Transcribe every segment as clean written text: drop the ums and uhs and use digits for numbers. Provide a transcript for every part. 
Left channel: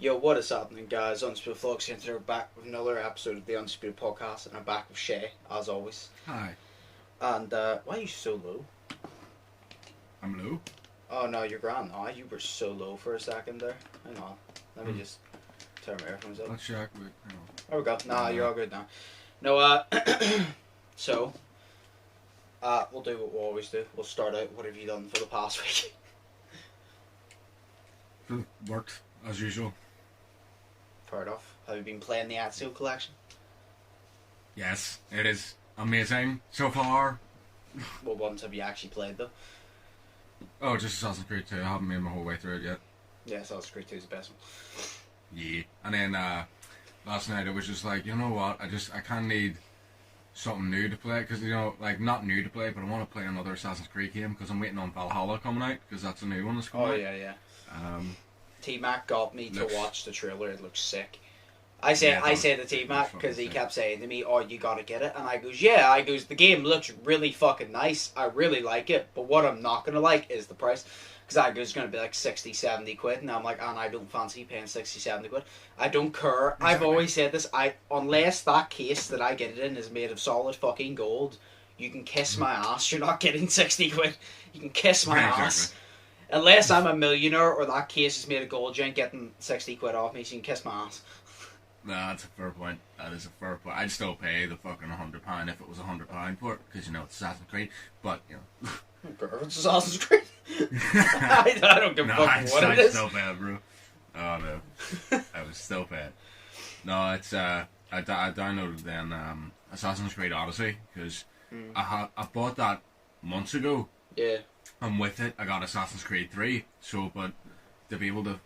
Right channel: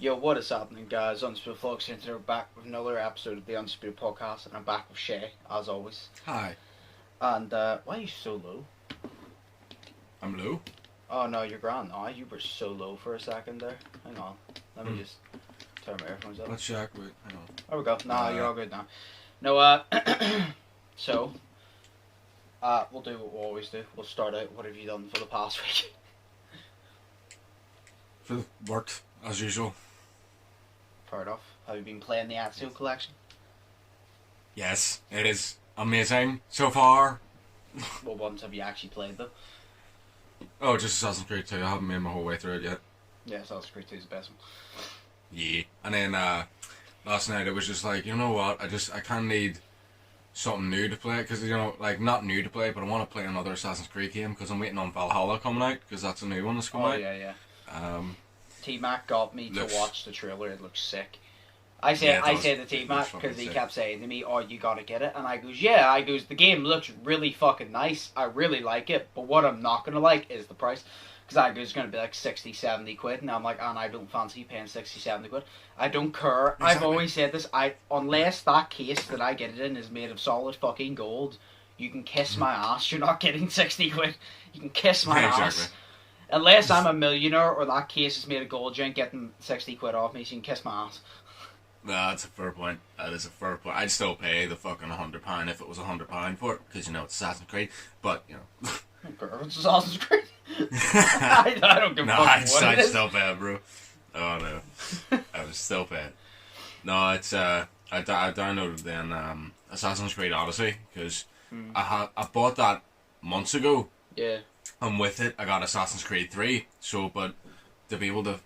Yo, what is happening, guys? Undisputed Vlogs here, and today we're back with another episode of the Undisputed Podcast, and I'm back with Shay, as always. Hi. And, why are you so low? I'm low? Oh, no, you're grand now. You were so low for a second there. Hang on. Let me just turn my earphones up. Let's check. Wait, hang on. There we go. Nah, you're all good now. No, so, we'll do what we always do. We'll start out, what have you done for the past week? Worked, as usual. Fair enough. Have you been playing the Axio collection? Yes, it is amazing so far. What ones have you actually played, though? Oh, just Assassin's Creed 2. I haven't made my whole way through it yet. Yeah, Assassin's Creed 2 is the best one. Yeah. And then, last night it was just like, you know what, I kind of need something new to play, because, like, not new to play, but I want to play another Assassin's Creed game, because I'm waiting on Valhalla coming out, because that's a new one that's coming out. Oh, yeah. T-Mac got me to watch the trailer. It looks sick. I say to T-Mac because he kept saying to me, "Oh, you gotta get it," and I goes, "Yeah." I goes, "The game looks really fucking nice. I really like it, but what I'm not gonna like is the price." Because I goes, it's gonna be like 60-70 quid, and I'm like, and I don't fancy paying 60-70 quid. I don't care. Exactly. I've always said this. Unless that case that I get it in is made of solid fucking gold, you can kiss my ass. You're not getting 60 quid. You can kiss my ass. Unless I'm a millionaire or that case is made of gold, you ain't getting 60 quid off me, so you can kiss my ass. Nah, that's a fair point. That is a fair point. I'd still pay the fucking £100 if it was £100 for it, because, it's Assassin's Creed, but, It's Assassin's Creed. I don't give a fuck what it is. I'd still pay it, bro. Oh, no. I was still paying. No, it's, I downloaded then, Assassin's Creed Odyssey, because I bought that months ago. Yeah. And with it, I got Assassin's Creed 3. So, but to be able to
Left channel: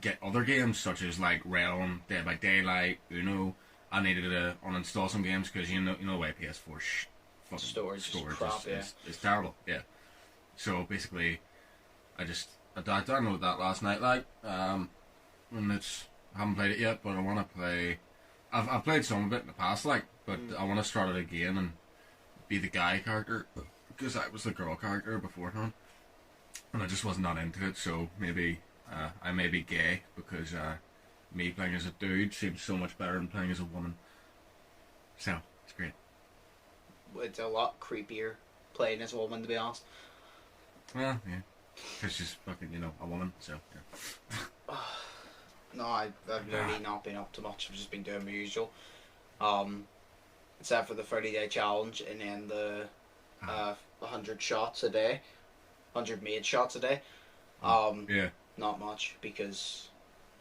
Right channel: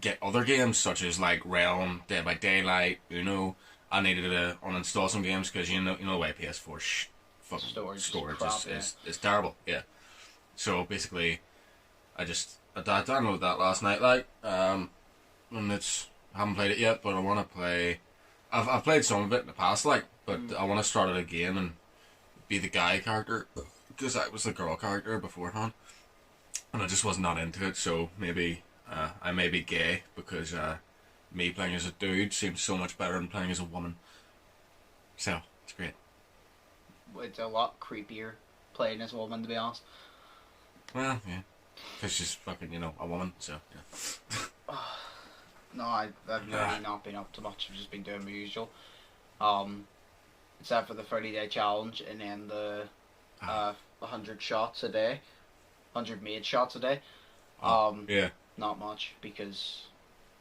get other games such as like Realm, Dead by Daylight, I needed to uninstall some games because you know why PS4 fucking storage crap, is terrible. Yeah. So basically, I downloaded that last night, and I haven't played it yet, but I want to play. I've played some of it in the past, but I want to start it again and be the guy character, because I was the girl character beforehand, and I just was not into it. So maybe I may be gay, because me playing as a dude seems so much better than playing as a woman. So it's great. It's a lot creepier playing as a woman, to be honest. Well, yeah, because she's fucking a woman. So yeah. No, I've really not been up to much. I've just been doing my usual. Except for the 30-day challenge, and then the 100 shots a day, 100 made shots a day. Yeah. Not much, because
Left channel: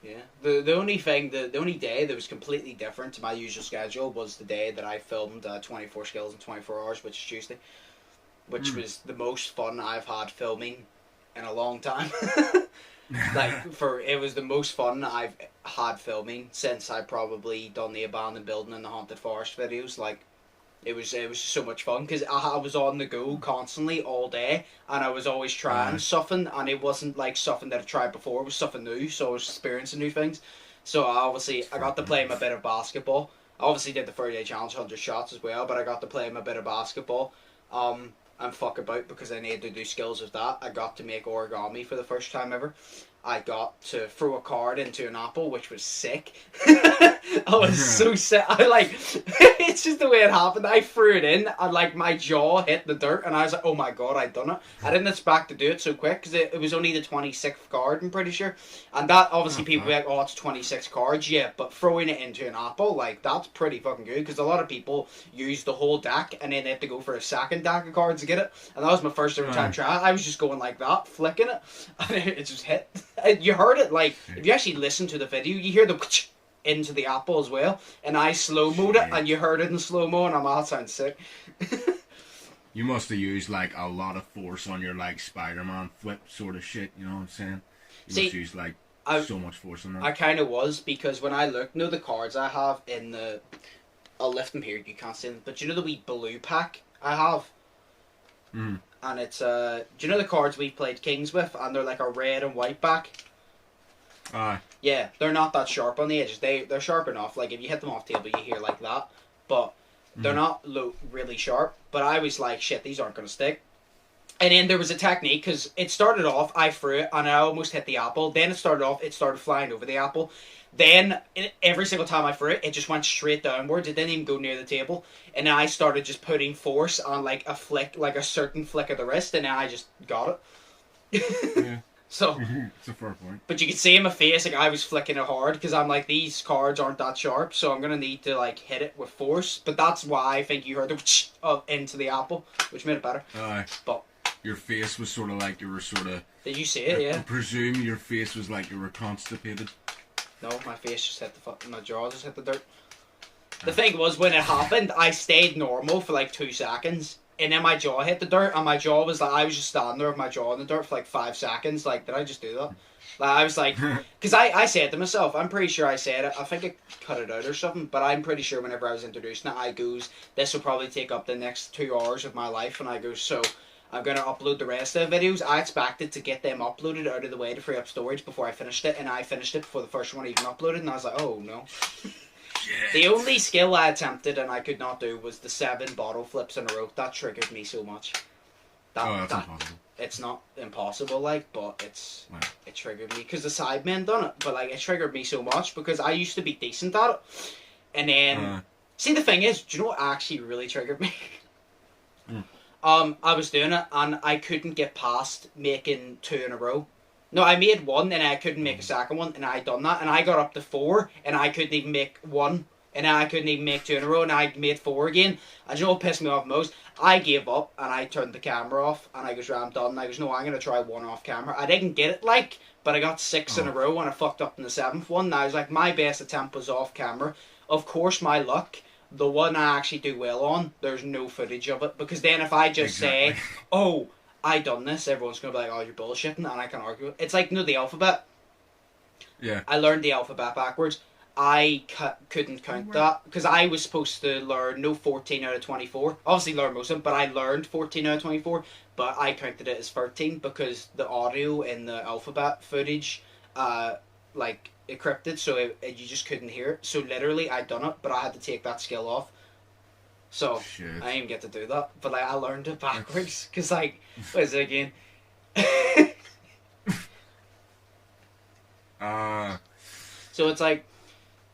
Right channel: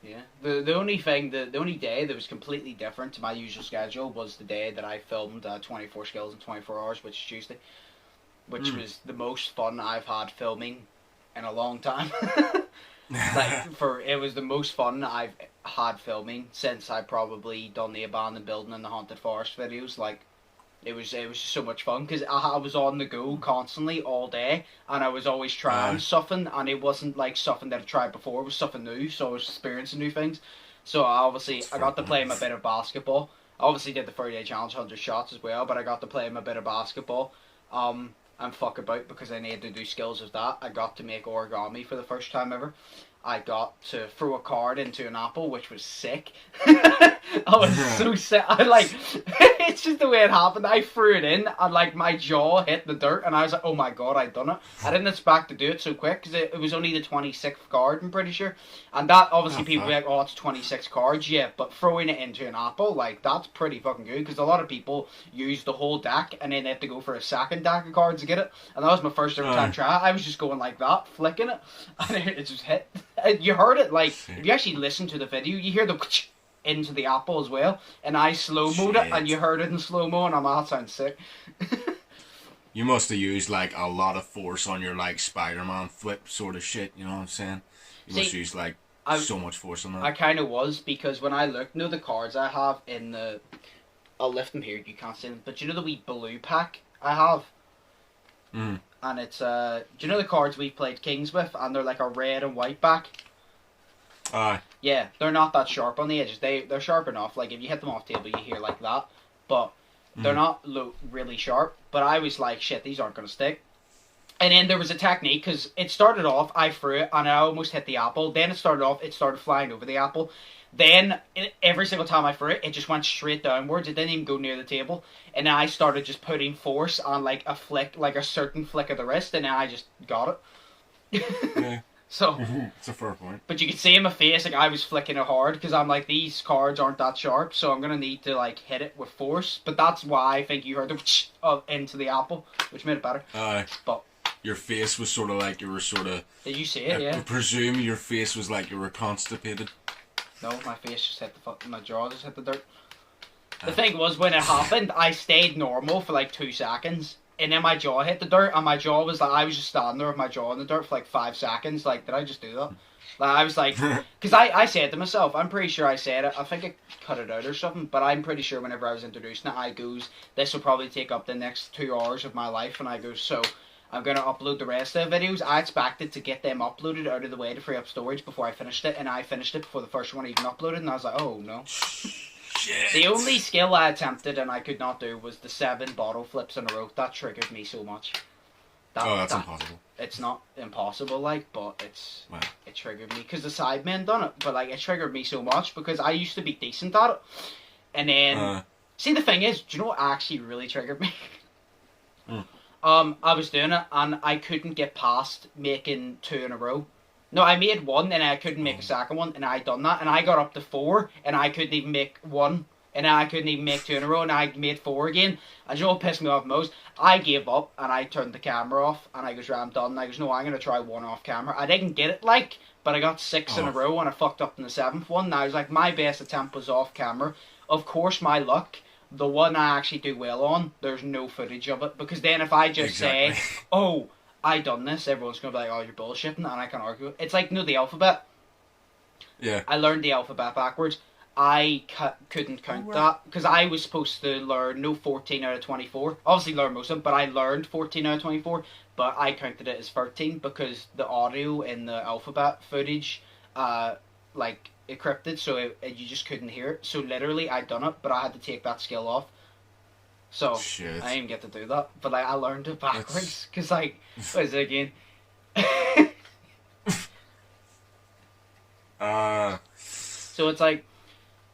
the only day that was completely different to my usual schedule was the day that I filmed 24 skills in 24 hours, which is Tuesday, which was the most fun I've had filming in a long time. It was the most fun I've had filming since I probably done the abandoned building and the haunted forest videos. It was so much fun because I was on the go constantly all day, and I was always trying something, and it wasn't like something that I've tried before. It was something new, so I was experiencing new things. So I got to play a bit of basketball. I obviously did the 30-day challenge, 100 shots as well, but I got to play a bit of basketball. And fuck about, because I needed to do skills with that. I got to make origami for the first time ever. I got to throw a card into an apple, which was sick. I was so sick. It's just the way it happened. I threw it in, and my jaw hit the dirt, and I was like, oh my god, I'd done it. I didn't expect to do it so quick, because it was only the 26th card, I'm pretty sure. And that, obviously, people be like, oh, it's 26 cards. Yeah, but throwing it into an apple, that's pretty fucking good, because a lot of people use the whole deck, and then they have to go for a second deck of cards to get it. And that was my first ever time trying. I was just going like that, flicking it, and it just hit. You heard it, if you actually listen to the video, you hear the into the apple as well, and I slow-moed it, and you heard it in slow-mo, and that sounds sick. You must have used a lot of force on your Spider-Man flip sort of shit, you know what I'm saying? You must use so much force on that. I kind of was, because when I looked, the cards I have in the... I'll lift them here, you can't see them, but the wee blue pack I have? And it's, do you know the cards we played Kings with, and they're a red and white back? Aye. Yeah, they're not that sharp on the edges. They're sharp enough, if you hit them off the table, you hear like that, but they're not really sharp. But I was like, shit, these aren't going to stick. And then there was a technique, because it started off, I threw it, and I almost hit the apple. Then it started flying over the apple. Then, every single time I threw it, it just went straight downwards. It didn't even go near the table. And then I started just putting force on, like, a flick, like a certain flick of the wrist, and then I just got it. Yeah. So, it's a fair point. But you could see in my face, like, I was flicking it hard, because I'm like, these cards aren't that sharp, so I'm going to need to, like, hit it with force. But that's why I think you heard the into the apple, which made it better. But your face was sort of like you were sort of... Did you see it? Yeah. I presume your face was like you were constipated. No, my face just hit my jaw just hit the dirt. The thing was, when it happened, I stayed normal for like 2 seconds, and then my jaw hit the dirt, and my jaw was like, I was just standing there with my jaw in the dirt for like 5 seconds. Like, did I just do that? Like, I was like, because I said to myself, I'm pretty sure I said it, I think I cut it out or something, but I'm pretty sure whenever I was introducing it, I goes, this will probably take up the next 2 hours of my life, and I go, so I'm going to upload the rest of the videos. I expected to get them uploaded out of the way to free up storage before I finished it, and I finished it before the first one even uploaded, and I was like, oh no. Shit. The only skill I attempted and I could not do was the 7 bottle flips in a row. That triggered me so much. That's impossible. It's not impossible, like, but it triggered me, because the Sidemen done it, but like, it triggered me so much, because I used to be decent at it, and then, see, the thing is, do you know what actually really triggered me? I was doing it, and I couldn't get past making 2 in a row. No, I made 1, and I couldn't make a second one, and I done that, and I got up to 4, and I couldn't even make 1, and I couldn't even make 2 in a row, and I made 4 again, and you know what pissed me off most? I gave up, and I turned the camera off, and I goes, I'm done, and I goes, no, I'm going to try 1 off camera. I didn't get it, like, but I got 6 in a row, and I fucked up in the 7th one, and I was like, my best attempt was off camera. Of course, my luck, the one I actually do well on, there's no footage of it, because then if I just say, oh, I done this, everyone's going to be like, oh, you're bullshitting, and I can argue it. It's like, you know, the alphabet? Yeah. I learned the alphabet backwards. I couldn't count that, because I was supposed to learn, 14 out of 24. Obviously learn most of them, but I learned 14 out of 24, but I counted it as 13, because the audio in the alphabet footage, like, encrypted, so you just couldn't hear it. So literally, I done it, but I had to take that skill off. So, shit. I didn't get to do that, but like, I learned it backwards, because like, what is it again? So it's like,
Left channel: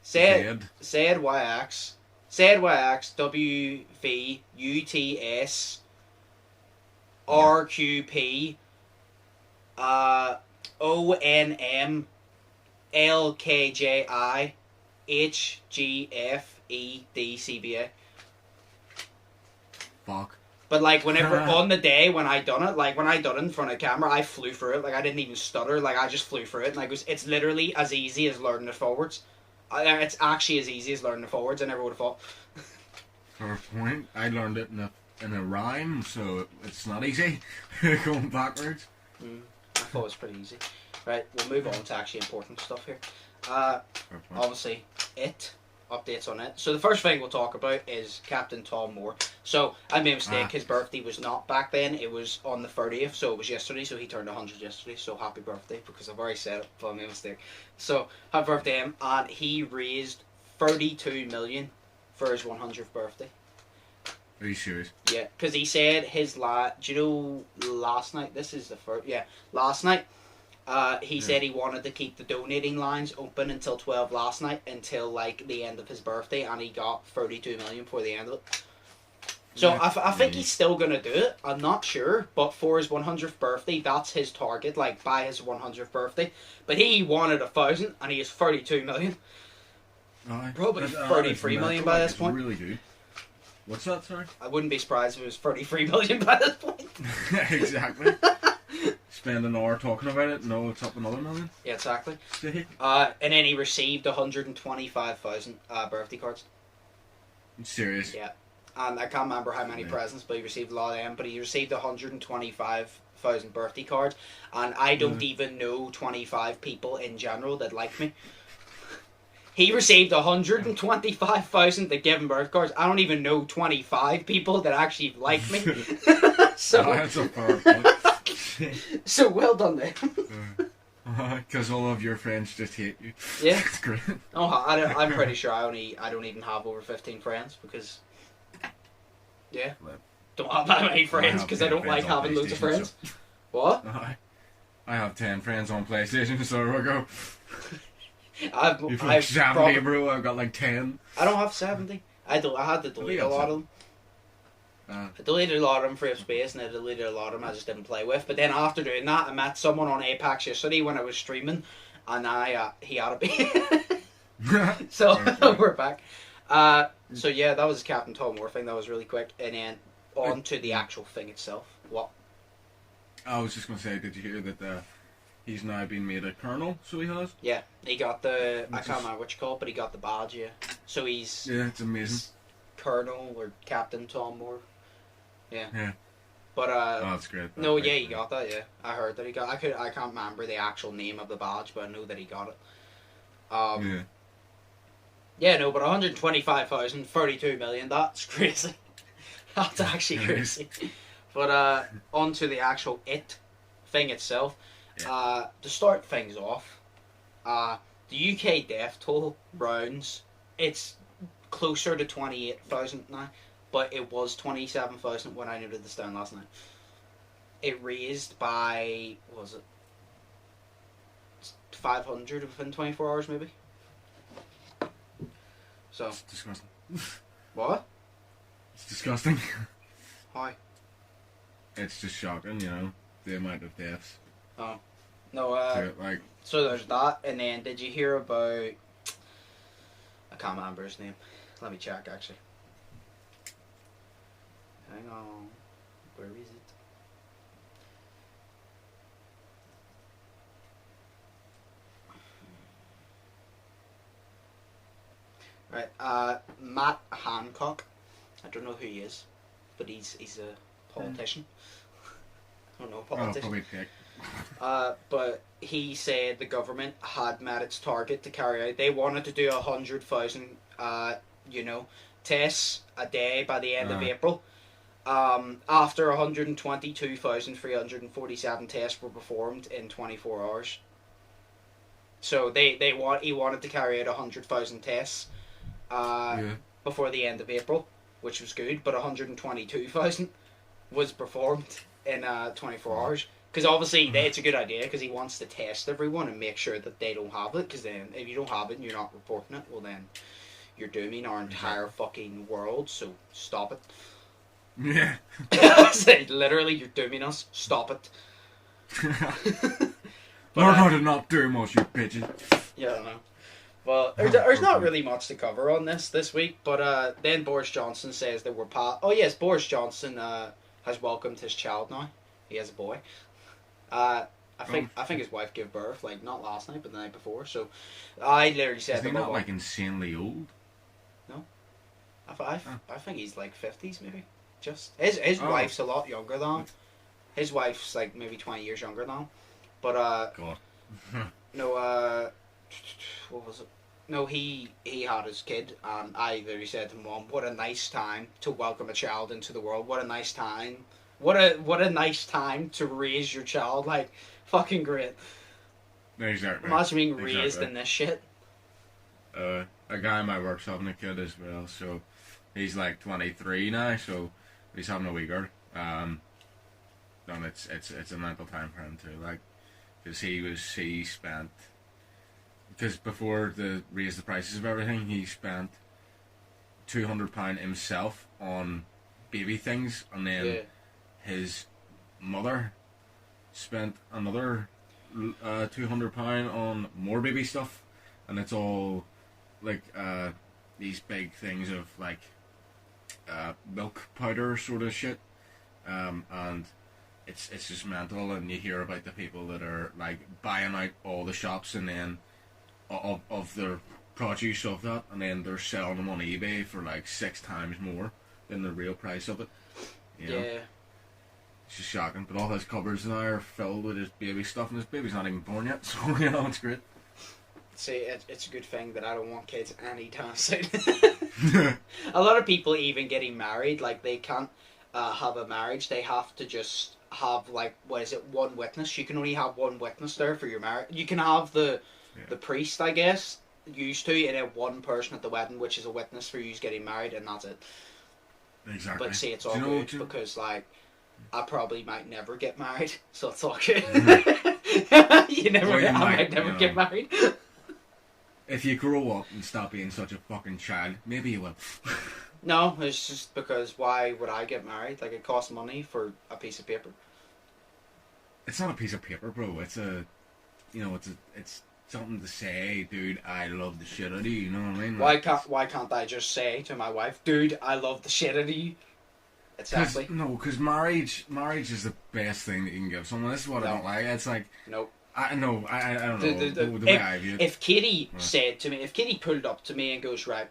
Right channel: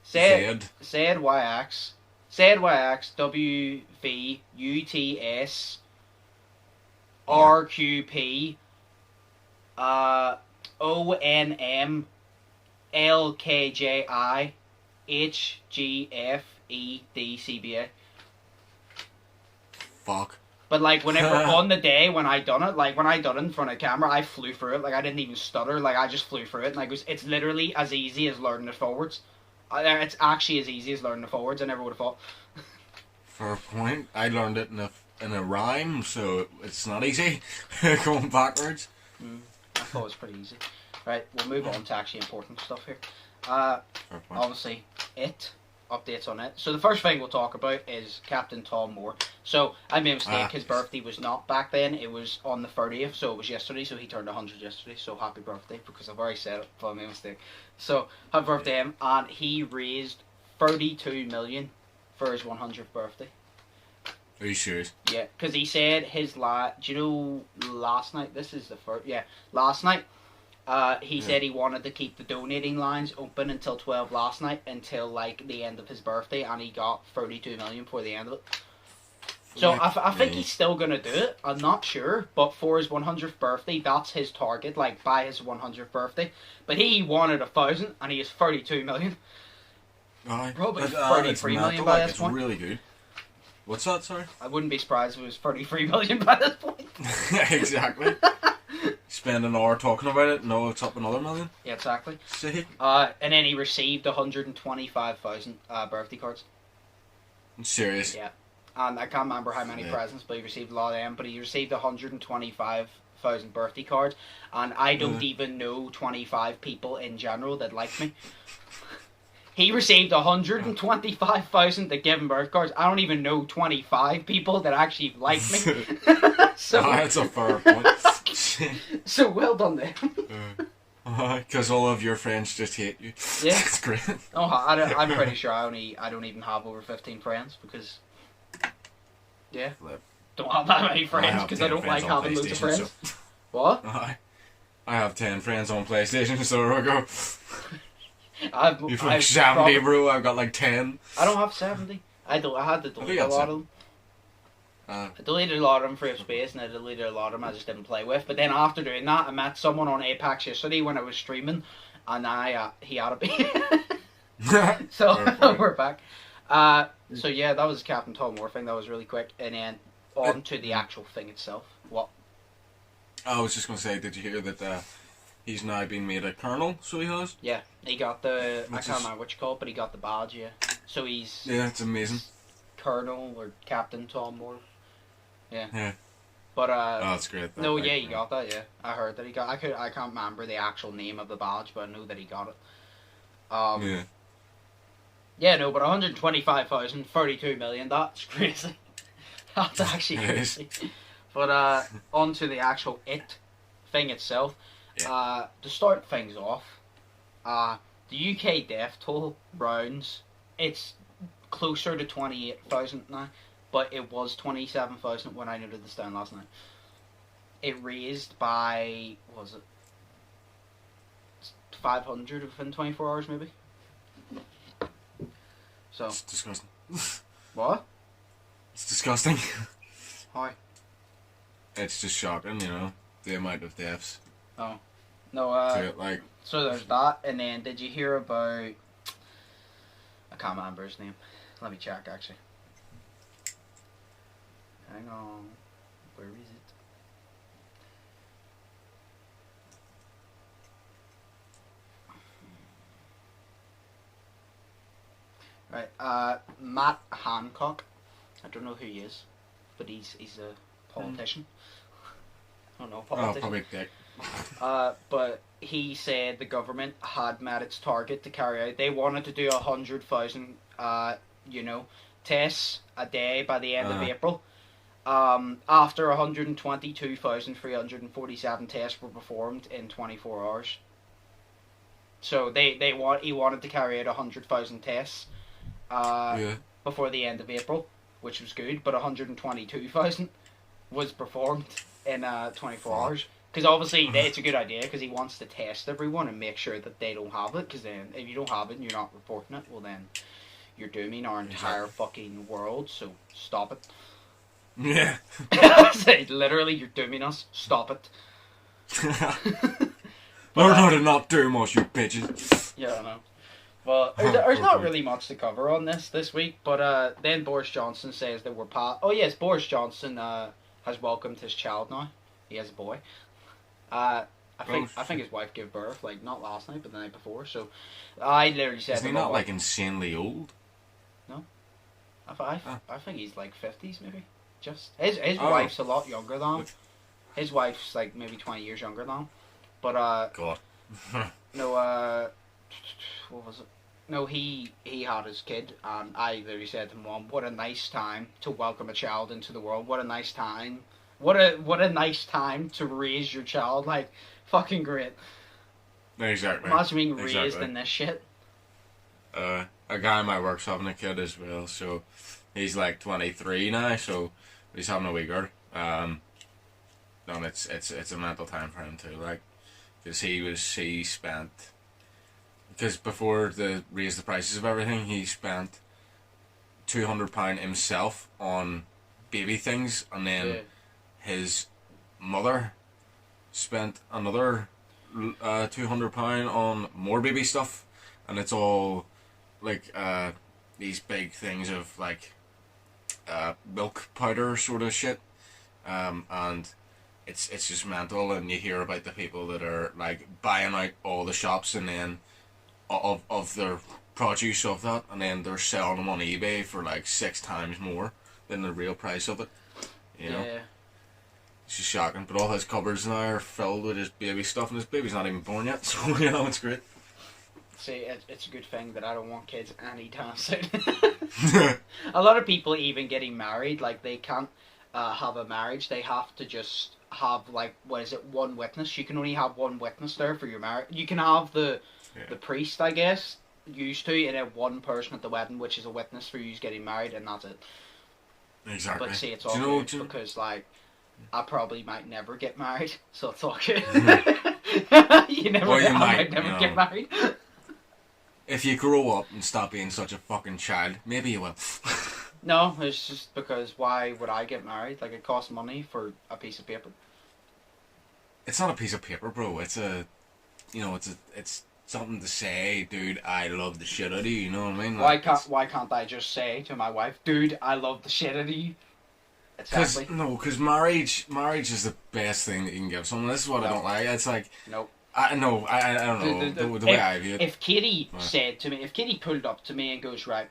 said YX, WVUTS, RQP, ONM, LKJI, HGFEDCBA. Fuck. But like, whenever on the day when I done it, like when I done it in front of camera, I flew through it. Like, I didn't even stutter. Like, I just flew through it, and I goes, it's literally as easy as learning it forwards. It's actually as easy as learning it forwards. I never would have thought. Fair point. I learned it in a rhyme, so it's not easy going backwards. I thought it was pretty easy. Right, we'll move on to actually important stuff here. Obviously, updates on it. So the first thing we'll talk about is Captain Tom Moore. So I made a mistake. His birthday was not back then. It was on the 30th, so it was yesterday. So he turned 100 yesterday. So happy birthday, because I've already said it, but I made a mistake. So happy birthday, him. And he raised 32 million for his 100th birthday. Are you serious? Yeah, because he said his do you know last night? This is the first. Yeah, last night. He said he wanted to keep the donating lines open until 12 last night, until like the end of his birthday, and he got 32 million for the end of it. So I think he's still gonna do it. I'm not sure, but for his 100th birthday, that's his target. Like, by his 100th birthday, but he wanted 1,000, and he has 32 million. Probably 33 million by this point. Really good. What's that? Sorry. I wouldn't be surprised if it was 33 million by this point. Exactly. Spend an hour talking about it, no, it's up another million. Yeah, exactly. See? And then he received 125,000 birthday cards. I'm serious? Yeah. And I can't remember how many presents, but he received a lot of them. But he received 125,000 birthday cards. And I don't even know 25 people in general that like me. He received 125,000 that give him birth cards. I don't even know 25 people that actually like me. So that's a fair point. So well done then. Because all of your friends just hate you. Yeah, it's great. Oh, I'm pretty sure I don't even have over 15 friends, because don't have that many friends because I don't like having loads of friends. So. What? I have 10 friends on PlayStation, so there we go. You've like 70, bro. I've got like 10. I don't have 70. I had to delete a lot of them. I deleted a lot of them for space, and I deleted a lot of them I just didn't play with. But then after doing that, I met someone on Apex yesterday when I was streaming, and he added me. So we're back. So yeah, that was Captain Tom Moore thing. That was really quick, and then on to the actual thing itself. What? I was just going to say, did you hear that he's now been made a colonel, so he has? Yeah, he got the, I can't remember what you call it, but he got the badge, yeah. So he's... Yeah, it's amazing. Colonel or Captain Tom Moore. Yeah. Yeah. But, oh, that's great. No, yeah, he got that, yeah. I heard that he got, I can't remember the actual name of the badge, but I know that he got it. Yeah. Yeah, no, but 125,000, 32 million, that's crazy. That's actually crazy. But on to the actual thing itself. Yeah. To start things off, the UK death toll rounds, it's closer to 28,000 now, but it was 27,000 when I noted this down last night. It raised by, what was it, 500 within 24 hours maybe? So. It's disgusting. What? It's disgusting. Why? It's just shocking, you know, the amount of deaths. Oh. No, so there's that, and then did you hear about, I can't remember his name. Let me check, actually. Hang on. Where is it? Right, Matt Hancock. I don't know who he is, but he's a politician. I don't know, politician. Oh, probably dick. But he said the government had met its target to carry out. They wanted to do 100,000, tests a day by the end of April. After 122,347 tests were performed in 24 hours. So he wanted to carry out 100,000 tests before the end of April, which was good. But 122,000 was performed in 24 hours. Because obviously it's a good idea because he wants to test everyone and make sure that they don't have it. Because then if you don't have it and you're not reporting it, well then you're dooming our entire fucking world. So stop it. Yeah. Literally, you're dooming us. Stop it. Learn how to not doom us, you bitches. Yeah, I know. Well, there's not really much to cover on this week. But then Boris Johnson says that we're oh yes, Boris Johnson has welcomed his child now. He has a boy. I think his wife gave birth, like, not last night, but the night before, so I literally said... Is he not, like, insanely old? No. I think he's, like, 50s, maybe. Just... His wife's a lot younger than him. His wife's, like, maybe 20 years younger than him. But, God. No, what was it? No, he had his kid, and I literally said to Mom, what a nice time to welcome a child into the world. What a nice time. What a nice time to raise your child, like, fucking great. Exactly. Imagine being raised in this shit. A guy in my work's having a kid as well, so he's like 23 now, so he's having a wee girl. And it's a mental time for him too, like, because he spent, because before they raised the prices of everything, he spent £200 himself on baby things, and then his mother spent another £200 on more baby stuff, and it's all like these big things of like milk powder sort of shit, and it's just mental. And you hear about the people that are like buying out all the shops and then of their produce of that, and then they're selling them on eBay for like 6 times more than the real price of it. You know? Yeah. It's just shocking, but all his cupboards now are filled with his baby stuff, and his baby's not even born yet, so, you know, it's great. See, it's a good thing that I don't want kids anytime soon. A lot of people even getting married, like, they can't have a marriage, they have to just have, like, one witness. You can only have one witness there for your marriage. You can have the priest, I guess, used to, and then one person at the wedding, which is a witness for you getting married, and that's it. Exactly. But see, it's all good because, like, I probably might never get married, so it's all good. You never know, I might never get married. If you grow up and stop being such a fucking child, maybe you will. No, it's just because why would I get married? Like, it costs money for a piece of paper. It's not a piece of paper, bro. It's a, it's something to say, dude, I love the shit out of you, you know what I mean? Like, why can't I just say to my wife, dude, I love the shit out of you? Exactly. Because marriage is the best thing that you can give someone. This is what I don't like. It's like... Nope. I don't know, the way I view it. If Katie said to me, if Katie pulled up to me and goes, right,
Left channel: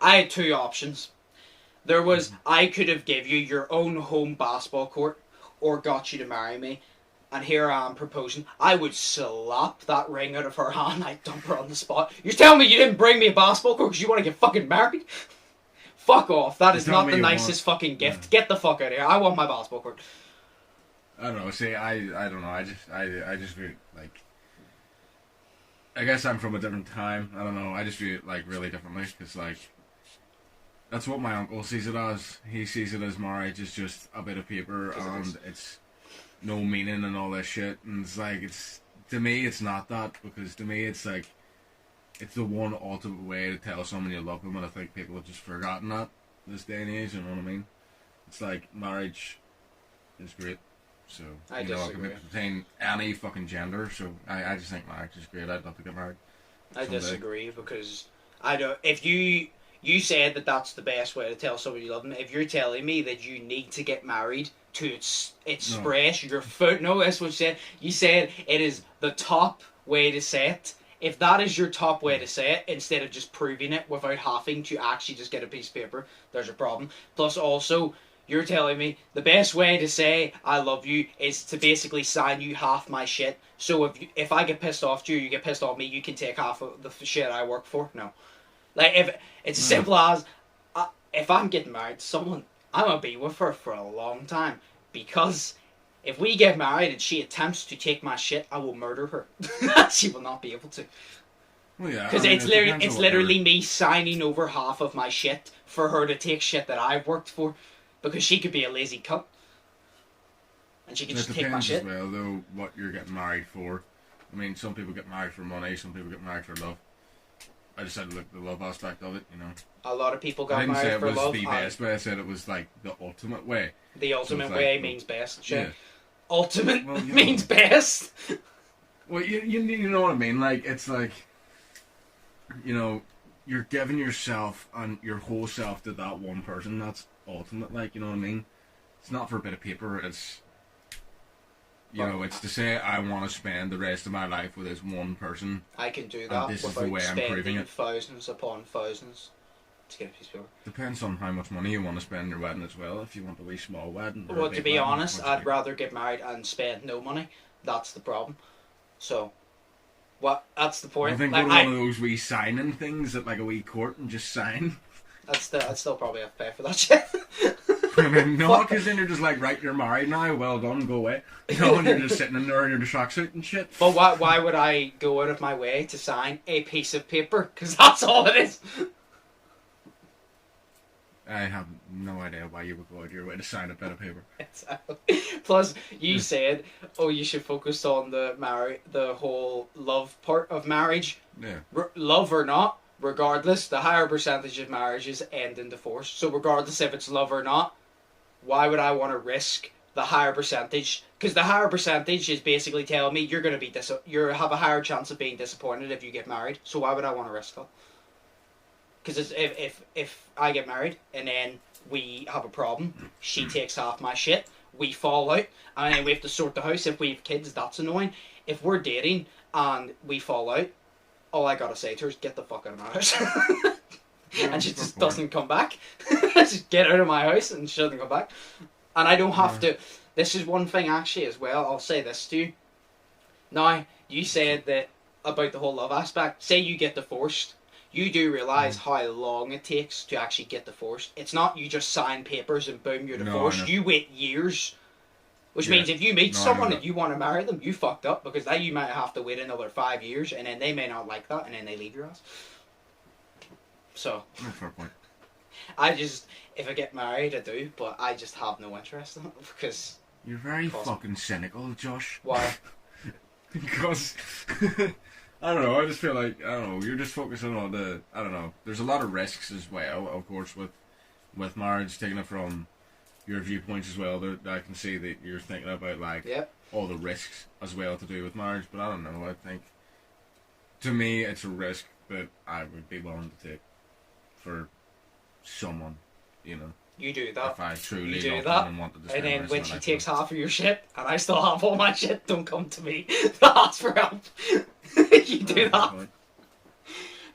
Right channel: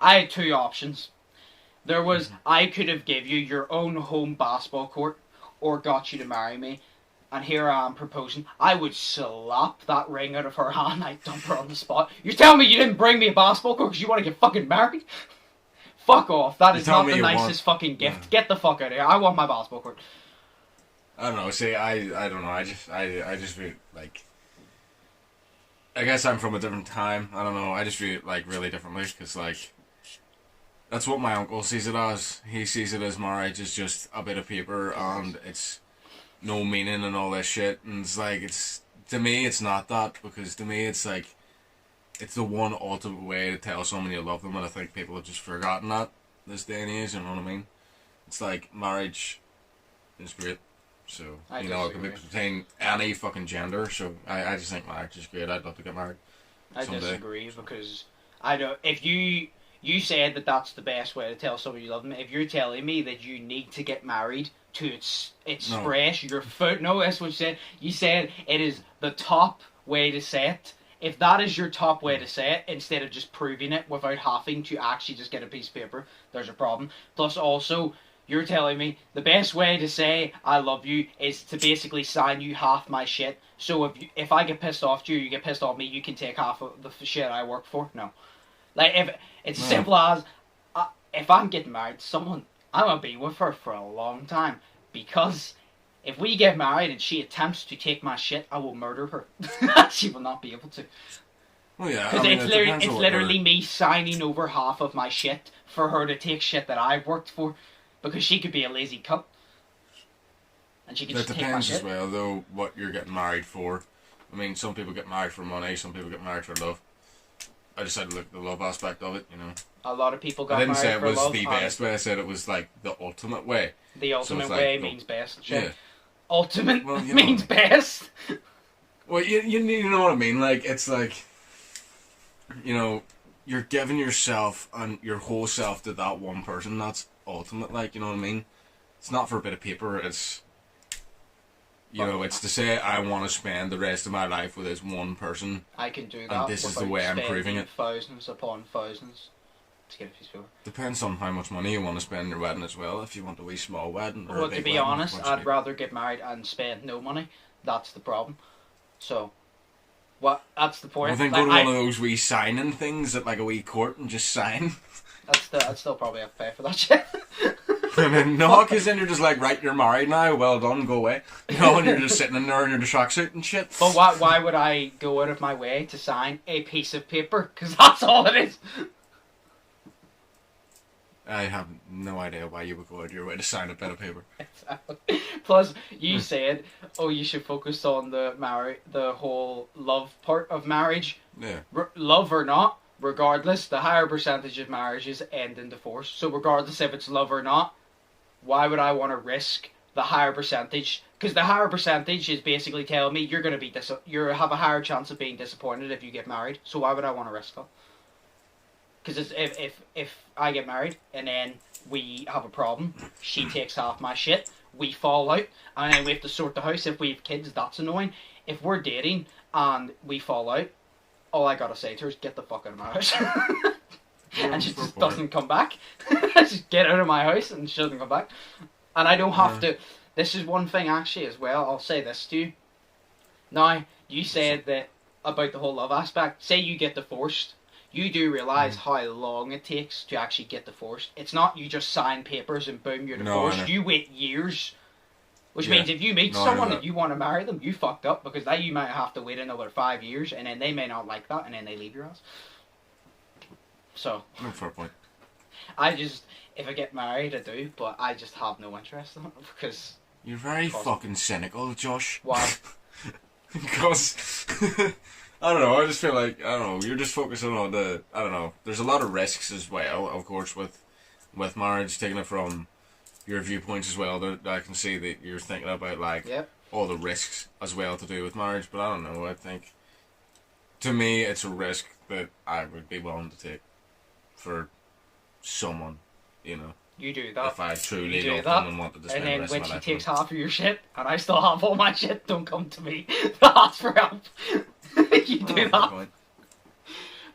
I had two options. There was, I could have give you your own home basketball court or got you to marry me. And here I am proposing. I would slap that ring out of her hand. I'd dump her on the spot. You're telling me you didn't bring me a basketball court because you want to get fucking married? Fuck off. That is not the nicest fucking gift. Yeah. Get the fuck out of here. I want my basketball court. I don't know. See, I don't know. I just feel like... I guess I'm from a different time. I don't know. I just feel like really differently because, like... That's what my uncle sees it as. He sees it as marriage is just a bit of paper and it's no meaning and all this shit. And it's like, to me, it's not that, because to me, it's like, it's the one ultimate way to tell someone you love them, and I think people have just forgotten that this day and age, you know what I mean? It's like, marriage is great. So, it can be between any fucking gender, so I just think marriage is great. I'd love to get married someday. I disagree, because I don't, if you said that that's the best way to tell someone you love them. If you're telling me that you need to get married to express your foot, no, that's what you said. You said it is the top way to say it. If that is your top way to say it, instead of just proving it without having to actually just get a piece of paper, there's a problem. Plus, also, you're telling me the best way to say I love you is to basically sign you half my shit. So if I get pissed off to you, you get pissed off me, you can take half of the shit I work for. No, like if. It's as simple as, if I'm getting married to someone, I'm going to be with her for a long time. Because if we get married and she attempts to take my shit, I will murder her. She will not be able to. Well, yeah. Because it's literally me signing over half of my shit for her to take shit that I've worked for. Because she could be a lazy cunt. And she could just take my shit. It depends as well, though, what you're getting married for. I mean, some people get married for money, some people get married for love. I just said, look, the love aspect of it, you know. A lot of people got married for love. I didn't say it was the best way. I said it was like the ultimate way. The ultimate way means best. Sure. Yeah. Ultimate means best. Well, you know what I mean. Like, it's like, you know, you're giving yourself and your whole self to that one person. That's ultimate. Like, you know what I mean. It's not for a bit of paper. It's, you know, it's to say I want to spend the rest of my life with this one person. I can do that. And this is the way I'm proving it. Thousands upon thousands to get a piece of paper. Depends on how much money you want to spend in your wedding as well. If you want a wee small wedding. Or well, to be honest, I'd rather get married and spend no money. That's the problem. So, that's the point. I think go to one of those wee signing things at like a wee court and just sign. I'd still probably have to pay for that shit. I mean, no, because then you're just like, right, you're married now, well done, go away. You know, and you're just sitting in there in your tracksuit and shit. But why would I go out of my way to sign a piece of paper? Because that's all it is. I have no idea why you would go out of your way to sign a bit of paper. Exactly. Plus, you said, you should focus on the whole love part of marriage. Yeah. Love or not, regardless, the higher percentage of marriages end in divorce. So regardless if it's love or not, why would I want to risk the higher percentage? Because the higher percentage is basically telling me you're going to be you have a higher chance of being disappointed if you get married. So why would I want to risk that? Because if I get married and then we have a problem, she takes half my shit, we fall out, and then we have to sort the house. If we have kids, that's annoying. If we're dating and we fall out, all I gotta say to her is get the fuck out of my house. And she just doesn't come back. Just get out of my house and she doesn't come back. And I don't have to. This is one thing actually as well. I'll say this to you. Now, you said that about the whole love aspect. Say you get divorced. You do realise how long it takes to actually get divorced. It's not you just sign papers and boom, you're divorced. You wait years. Which means if you meet someone and you want to marry them, you fucked up, because then you might have to wait another 5 years and then they may not like that and then they leave your ass. So. Fair point. I just, if I get married, I do, but I just have no interest in it because... You're very fucking cynical, Josh. Why? Because... I don't know, I just feel like, I don't know, you're just focusing on the, I don't know, there's a lot of risks as well, of course, with marriage, taking it from your viewpoints as well, that I can see that you're thinking about, like, all the risks as well to do with marriage, but I don't know, I think, to me, it's a risk that I would be willing to take for someone, you know. You do that. If I truly love them and wanted to spend and then the rest when of my she life takes with them. half of your shit, and I still have all my shit, don't come to me to ask for help. You do that.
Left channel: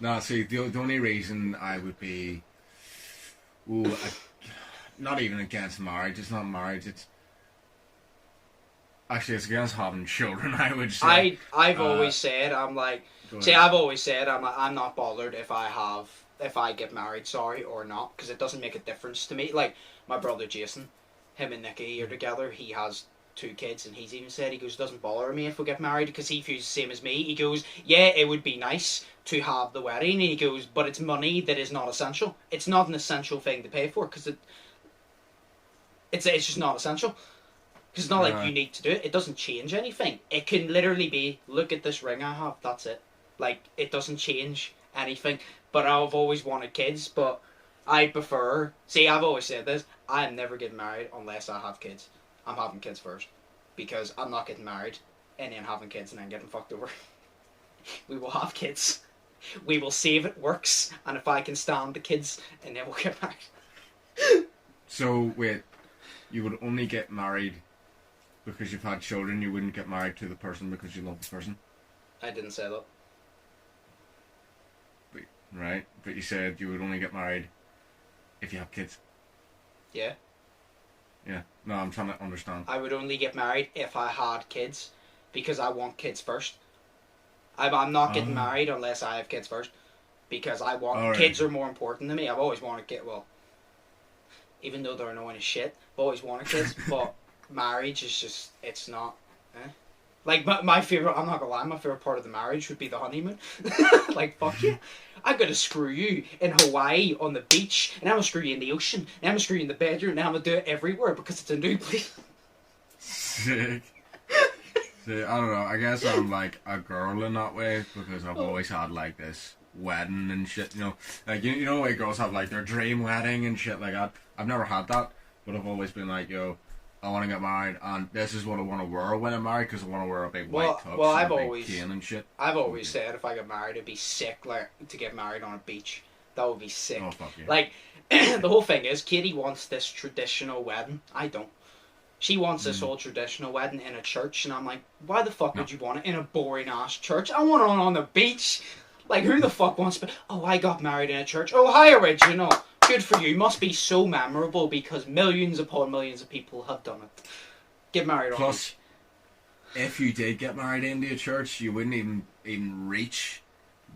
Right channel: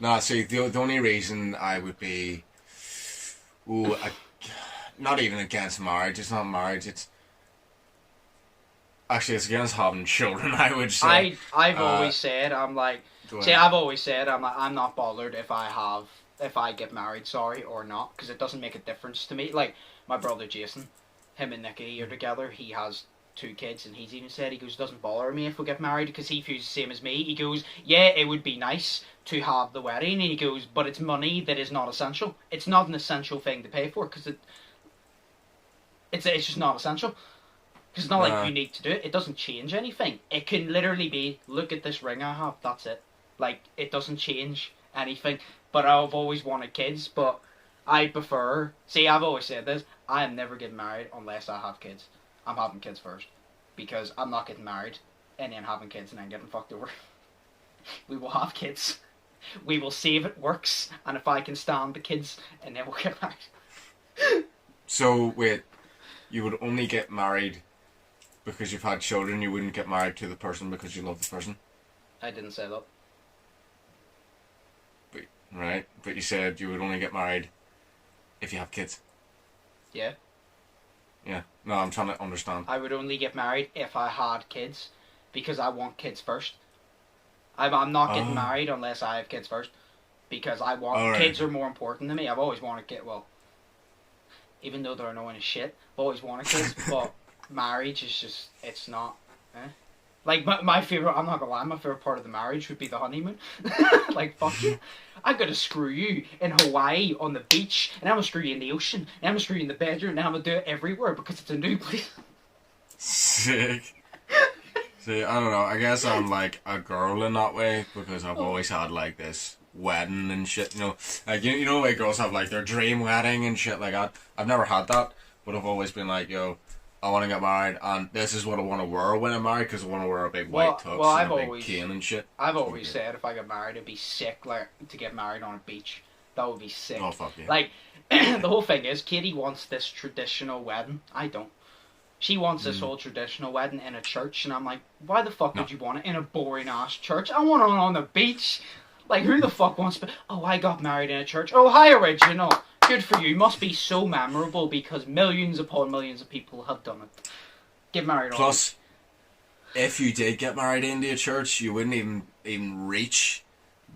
No, see, the only reason I would be, not even against marriage. It's not marriage. It's actually it's against having children. I would say. I've always said I'm like. See, I've always said I'm not bothered if I get married, or not, because it doesn't make a difference to me. Like my brother Jason, him and Nikki are together. He has 2 kids, and he's even said, he goes, doesn't bother me if we get married because he feels the same as me. He goes, yeah, it would be nice to have the wedding. He goes, but it's money that is not essential. It's not an essential thing to pay for because it's just not essential. Because it's not like you need to do it. It doesn't change anything. It can literally be, look at this ring I have. That's it. Like, it doesn't change anything. But I've always wanted kids, but I prefer... See, I've always said this. I am never getting married unless I have kids. I'm having kids first. Because I'm not getting married and then having kids and then getting fucked over. We will have kids. We will see if it works. And if I can stand the kids, and then we'll get married. So, wait. You would only get married because you've had children. You wouldn't get married to the person because you love the person? I didn't say that. Right, but you said you would only get married if you have kids. Yeah. Yeah. No, I'm trying to understand. I would only get married if I had kids, because I want kids first. I'm not getting married unless I have kids first, because I want kids are more important to me. I've always wanted kids. Well, even though they're annoying as shit, I've always wanted kids. But marriage is just, it's not. Like, my favourite, I'm not gonna lie, my favourite part of the marriage would be the honeymoon. Like, fuck you. I'm gonna screw you in Hawaii on the beach, and I'm gonna screw you in the ocean, and I'm gonna screw you in the bedroom, and I'm gonna do it everywhere because it's a new place. Sick. See, I don't know, I guess I'm like a girl in that way, because I've always had like this wedding and shit, you know. Like, you know, like girls have like their dream wedding and shit like that. I've never had that, but I've always been like, yo, I want to get married, and this is what I want to wear when I'm married, because I want to wear a big white tux and a big cane and shit. I've always said if I get married, it'd be sick, like, to get married on a beach. That would be sick. Oh, fuck yeah. Like, the whole thing is, Katie wants this traditional wedding. I don't. She wants this whole traditional wedding in a church, and I'm like, why the fuck would you want it in a boring-ass church? I want it on the beach. Like, who the fuck wants to... Oh, I got married in a church. Oh, hi, original. Good for you. Must be so memorable because millions upon millions of people have done it. Get married on. Plus, if you did get married into a church, you wouldn't even reach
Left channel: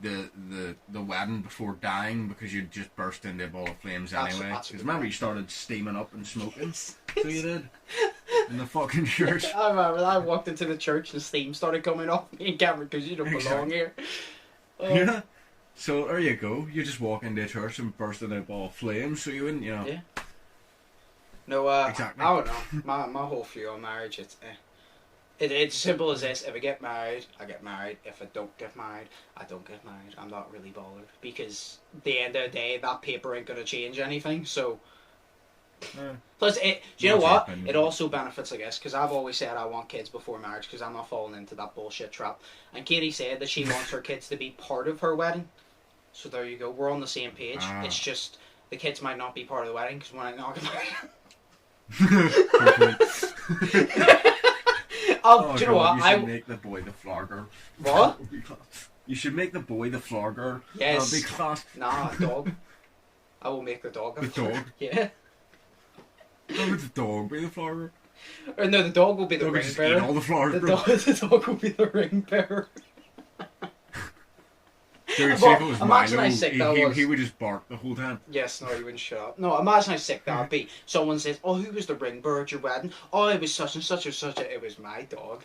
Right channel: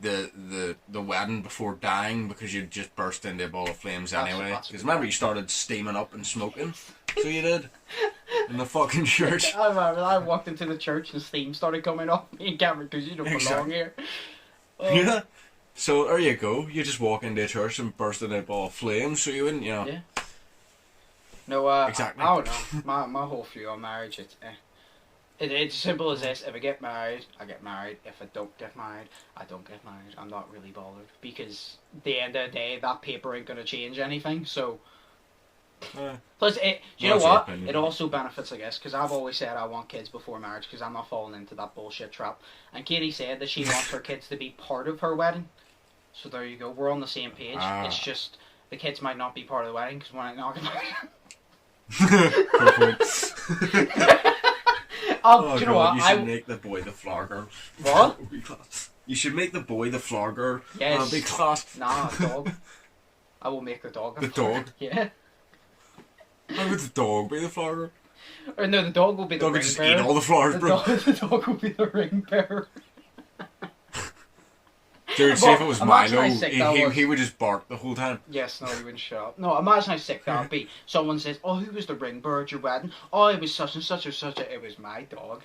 the wedding before dying, because you'd just burst into a ball of flames anyway. Because remember, you started steaming up and smoking. So you did. In the fucking church. I remember I walked into the church and steam started coming off me. Cameron, because you don't belong here. Yeah. So there you go. You just walk into a church and burst into a ball of flames, so you wouldn't, you know. Yeah. No, exactly. I don't know. My whole view on marriage, it's as simple as this. If I get married, I get married. If I don't get married, I don't get married. I'm not really bothered, because at the end of the day, that paper ain't gonna change anything. So. Plus, do you know what? It also benefits, I guess, because I've always said I want kids before marriage, because I'm not falling into that bullshit trap. And Katie said that she wants her kids to be part of her wedding. So there you go. We're on the same page. It's just the kids might not be part of the wedding because when I not get married. Do you know what? You should make the boy the flower girl. What? You should make the boy the flower girl. Yes. That'll be class. Nah, dog. I will make the dog. The dog? Yeah. How would the dog be the flower girl? Or no, the dog will be the dog ring just bearer. Eat all the flowers, bro. The dog will be the ring bearer. Dude, see if it was Milo, he would just bark the whole time. Yes, no, he wouldn't shut up. No, imagine how sick that would be. Someone says, oh, who was the ring bearer at your wedding? Oh, it was such and such or such. It was my dog.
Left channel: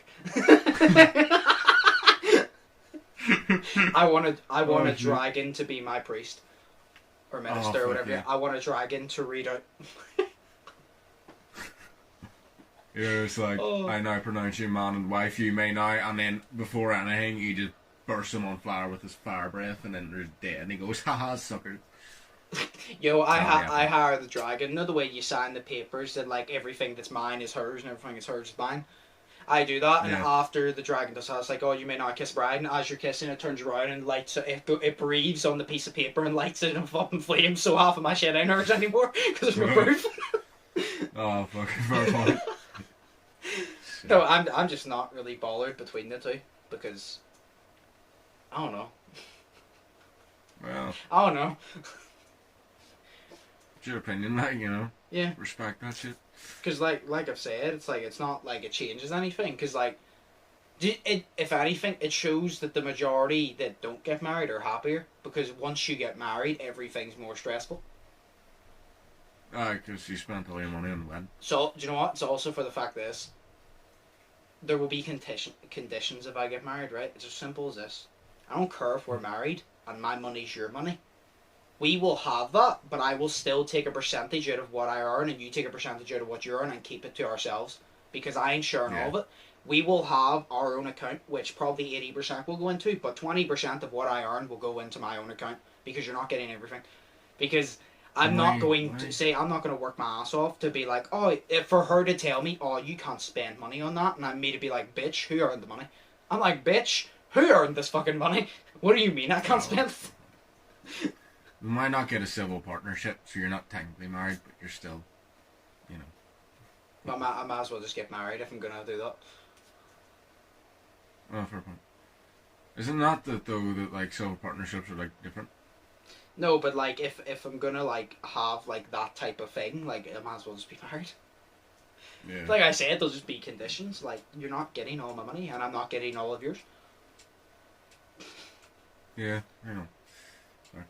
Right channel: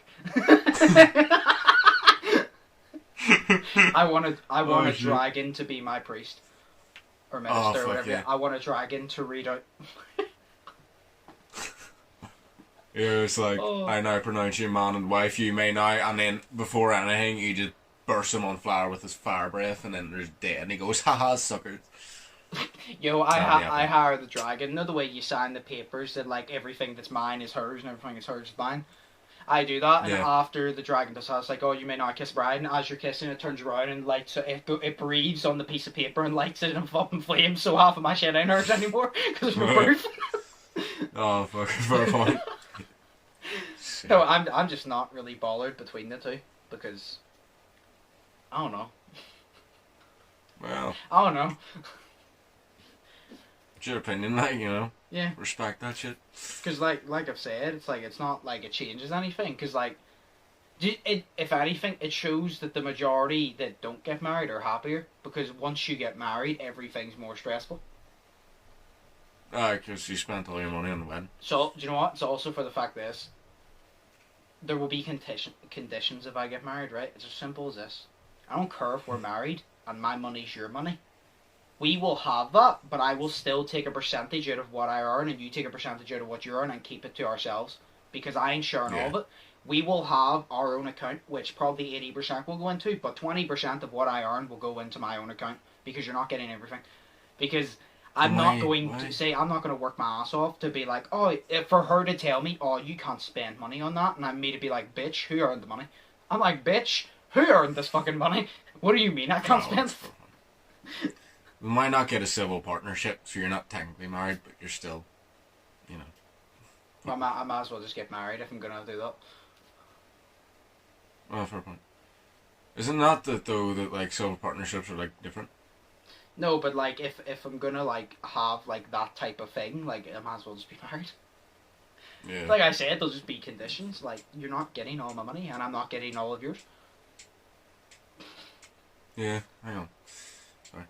I want a dragon to be my priest. or minister or whatever. Yeah. I want a dragon to read out. Yeah, it's like, I now pronounce you man and wife, you may now, and then before anything, he just bursts him on fire with his fire breath, and then there's dead, and he goes, haha, sucker. Yo, I hire the dragon. You know the way you sign the papers that, like, everything that's mine is hers and everything that's hers is mine? I do that, and after the dragon does that, it's like, oh, you may not kiss bride, and as you're kissing, it turns around and lights it breathes on the piece of paper and lights it in fucking flames, so half of my shit ain't hers anymore, because there's no proof. Oh, fucking fair point. No, I'm just not really bothered between the two, because, I don't know. Well. I don't know. It's your opinion, like, you know. Yeah. Respect that shit. Because, like I've said, it's like, it's not like it changes anything, because, like, if anything, it shows that the majority that don't get married are happier, because once you get married, everything's more stressful. Because you spent all your money on the wedding. So, do you know what? It's also for the fact this. There will be conditions if I get married, right? It's as simple as this. I don't care if we're married and my money's your money. We will have that, but I will still take a percentage out of what I earn and you take a percentage out of what you earn and keep it to ourselves. Because I ain't sharing all of it. We will have our own account, which probably 80% will go into, but 20% of what I earn will go into my own account. Because you're not getting everything. Because I'm not going to work my ass off to be like, oh, for her to tell me, oh, you can't spend money on that, and I'm me to be like, bitch, who earned the money? I'm like, bitch, who earned this fucking money? What do you mean I can't spend? We might not get a civil partnership, so you're not technically married, but you're still, you know. Well, I might as well just get married if I'm going to do that. Oh, fair point. Isn't that though that like civil partnerships are like different? No, but like if I'm gonna like have like that type of thing, like I might as well just be married. Yeah. Like I said, there'll just be conditions. Like you're not getting all my money, and I'm not getting all of yours. Yeah, I know. Sorry.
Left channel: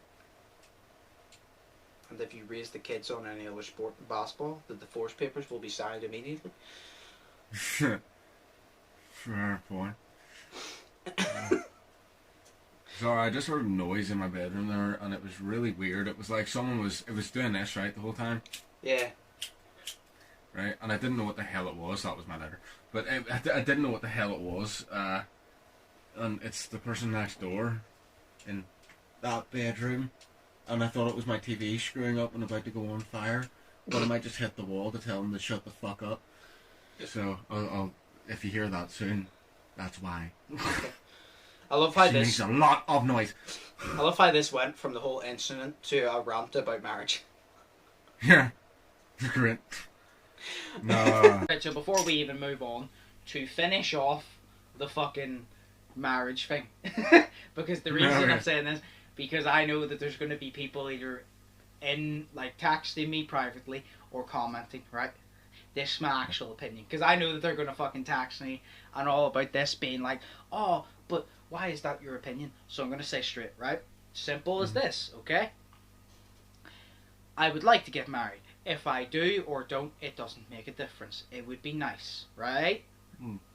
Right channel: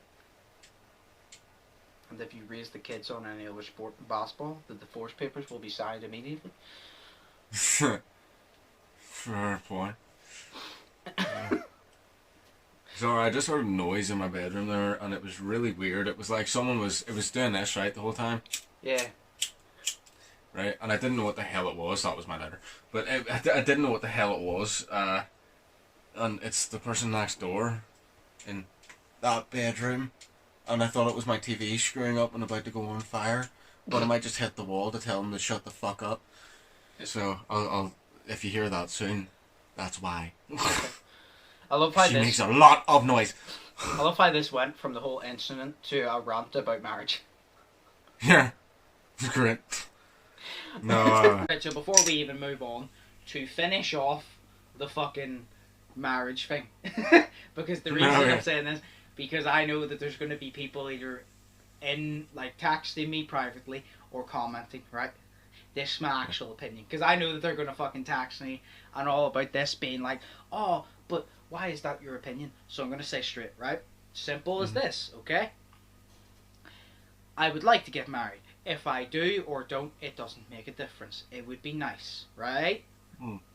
And if you raise the kids on any other sport than basketball, the divorce papers will be signed immediately. Fair point. Sorry, I just heard noise in my bedroom there, and it was really weird. It was like it was doing this, right, the whole time? Yeah. Right, and I didn't know what the hell it was. That was my letter. But I didn't know what the hell it was. And it's the person next door in that bedroom. And I thought it was my TV screwing up and about to go on fire. But I might just hit the wall to tell them to shut the fuck up. So, I'll if you hear that soon, that's why. I love how she makes a lot of noise. I love how this went from the whole incident to a rant about marriage. Yeah, great. No. So before we even move on, to finish off the fucking marriage thing, because the reason I'm saying this, because I know that there's going to be people either in like texting me privately or commenting, right? This is my actual opinion, because I know that they're going to fucking text me and all about this being like, oh, but why is that your opinion? So I'm going to say straight, right? Simple as this, okay? I would like to get married. If I do or don't, it doesn't make a difference. It would be nice, right?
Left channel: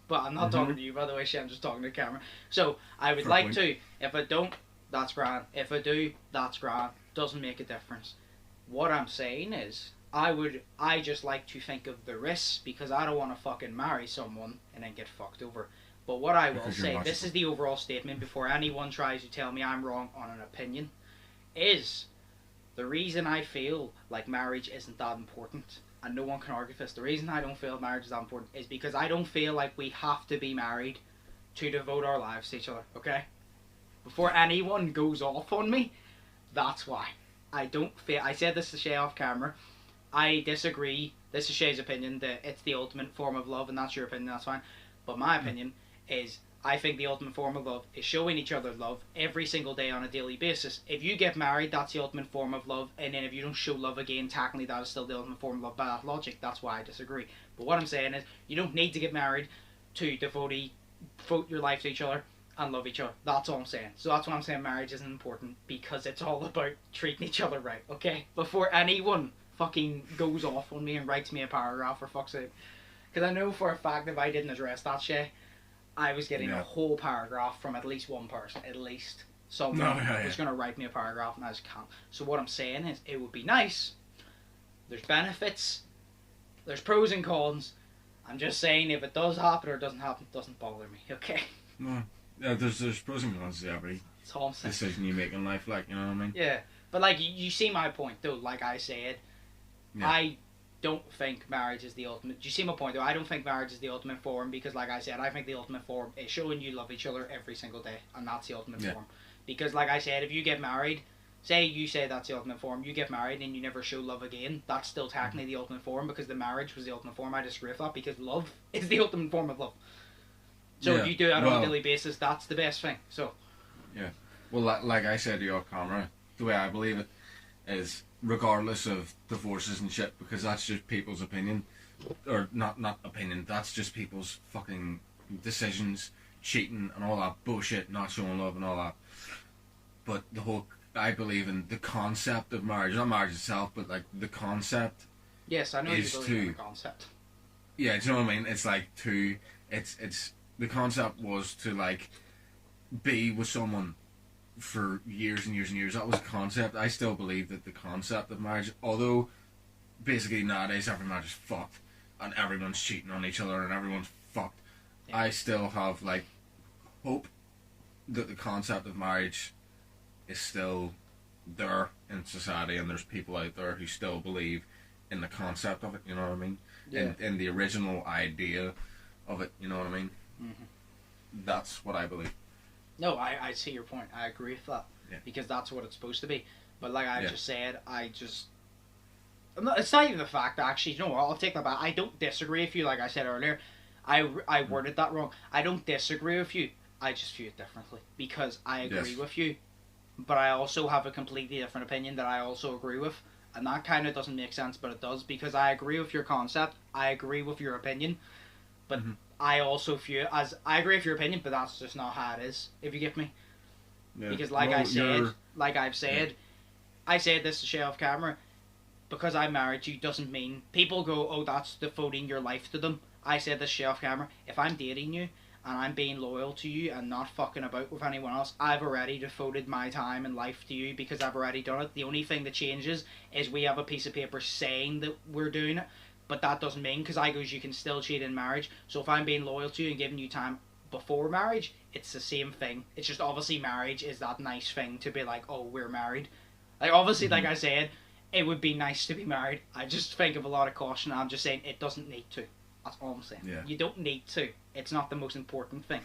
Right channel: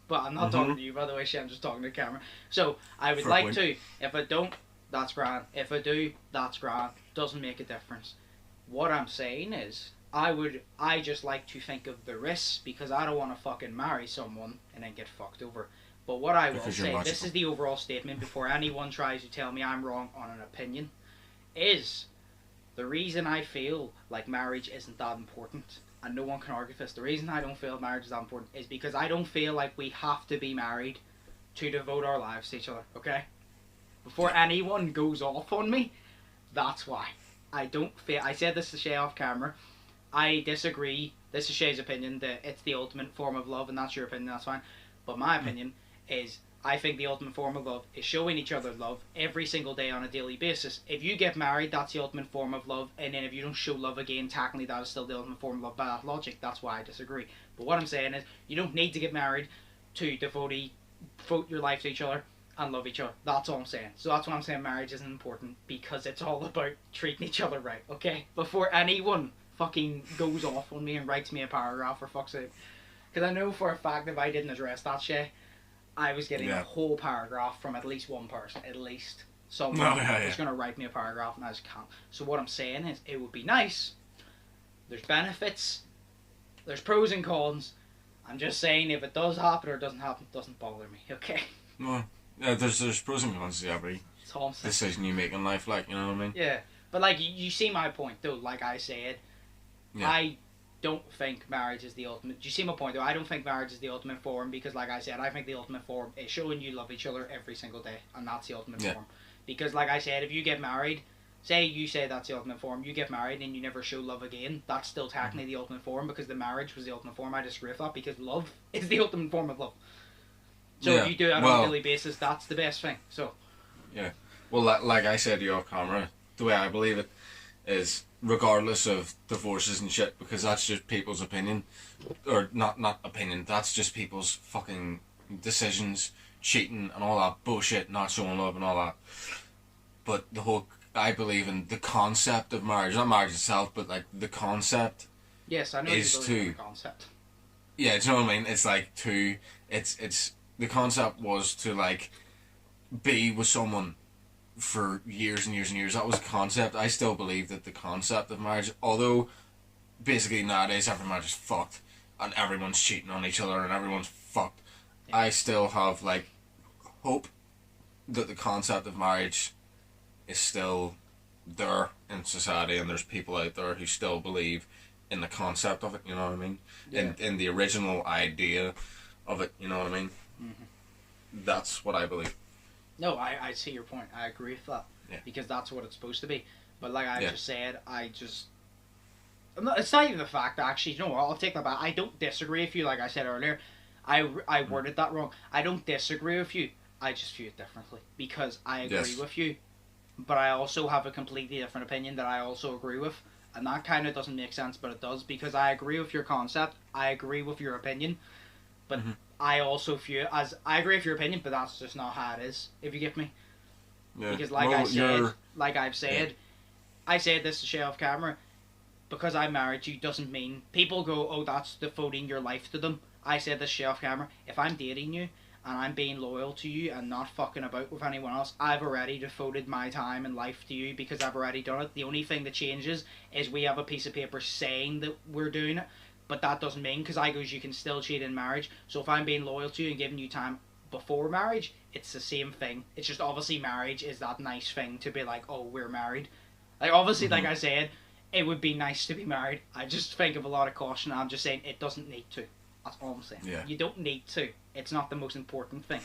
But I'm not talking to you, by the way, shit, I'm just talking to the camera. So, I would like to. If I don't, that's grand. If I do, that's grand. Doesn't make a difference. What I'm saying is, I just like to think of the risks, because I don't want to fucking marry someone and then get fucked over. But what I will say, this is the overall statement before anyone tries to tell me I'm wrong on an opinion, is the reason I feel like marriage isn't that important, and no one can argue this, the reason I don't feel marriage is that important is because I don't feel like we have to be married to devote our lives to each other, okay? Before anyone goes off on me, that's why. I don't feel, I said this to Shay off camera, I disagree, this is Shay's opinion, that it's the ultimate form of love, and that's your opinion, that's fine. But my opinion is, I think the ultimate form of love is showing each other love every single day on a daily basis. If you get married, that's the ultimate form of love, and then if you don't show love again, technically that is still the ultimate form of love by that logic. That's why I disagree. But what I'm saying is, you don't need to get married to devote your life to each other and love each other. That's all I'm saying. So that's why I'm saying marriage isn't important, because it's all about treating each other right, okay? Before anyone fucking goes off on me and writes me a paragraph, for fuck's sake. Because I know for a fact if I didn't address that shit, I was getting a whole paragraph from at least one person, at least. someone was going to write me a paragraph and I just can't. So what I'm saying is, it would be nice. There's benefits. There's pros and cons. I'm just saying, if it does happen or doesn't happen, it doesn't bother me, okay? Well, yeah, there's pros and cons to every decision you make in life, like, you know what I mean? Yeah, but like, you see my point, though. Like I said, I don't think marriage is the ultimate. Do you see my point, though? I don't think marriage is the ultimate form, because like I said, I think the ultimate form is showing you love each other every single day, and that's the ultimate form. Because like I said, if you get married, say you say that's the ultimate form, you get married and you never show love again, that's still technically the ultimate form, because the marriage was the ultimate form. I disagree with that, because love is the ultimate form of love. So if you do that on a daily basis, that's the best thing. So well, like I said to you off camera, the way I believe it is, regardless of divorces and shit, because that's just people's opinion, or not opinion, that's just people's fucking decisions, cheating and all that bullshit, not showing love and all that. But I believe in the concept of marriage, not marriage itself, but like the concept. Yes, I know you believe in the concept. Yeah, do you know what I mean? It's like it's the concept was to like be with someone for years and years and years. That was the concept. I still believe that the concept of marriage, although basically nowadays every marriage is fucked and everyone's cheating on each other and everyone's fucked, I still have like hope that the concept of marriage is still there in society, and there's people out there who still believe in the concept of it, you know what I mean? In the original idea of it, you know what I mean? That's what I believe. No, I see your point. I agree with that. Because that's what it's supposed to be. But like I just said, it's not even the fact, actually. You know what? I'll take that back. I don't disagree with you, like I said earlier. I worded that wrong. I don't disagree with you. I just view it differently. Because I agree with you. But I also have a completely different opinion that I also agree with. And that kind of doesn't make sense, but it does. Because I agree with your concept. I agree with your opinion. But I also view it as, I agree with your opinion, but that's just not how it is, if you get me. Because like I said, I said this to share off camera, because I married you doesn't mean, people go, oh, that's devoting your life to them. I said this share off camera, if I'm dating you, and I'm being loyal to you and not fucking about with anyone else, I've already devoted my time and life to you, because I've already done it. The only thing that changes is we have a piece of paper saying that we're doing it, but that doesn't mean, because I goes, you can still cheat in marriage. So if I'm being loyal to you and giving you time before marriage, it's the same thing. It's just obviously marriage is that nice thing to be like, oh, we're married. Like obviously, like I said, it would be nice to be married. I just think of a lot of caution. I'm just saying it doesn't need to. That's all I'm saying. You don't need to. It's not the most important thing.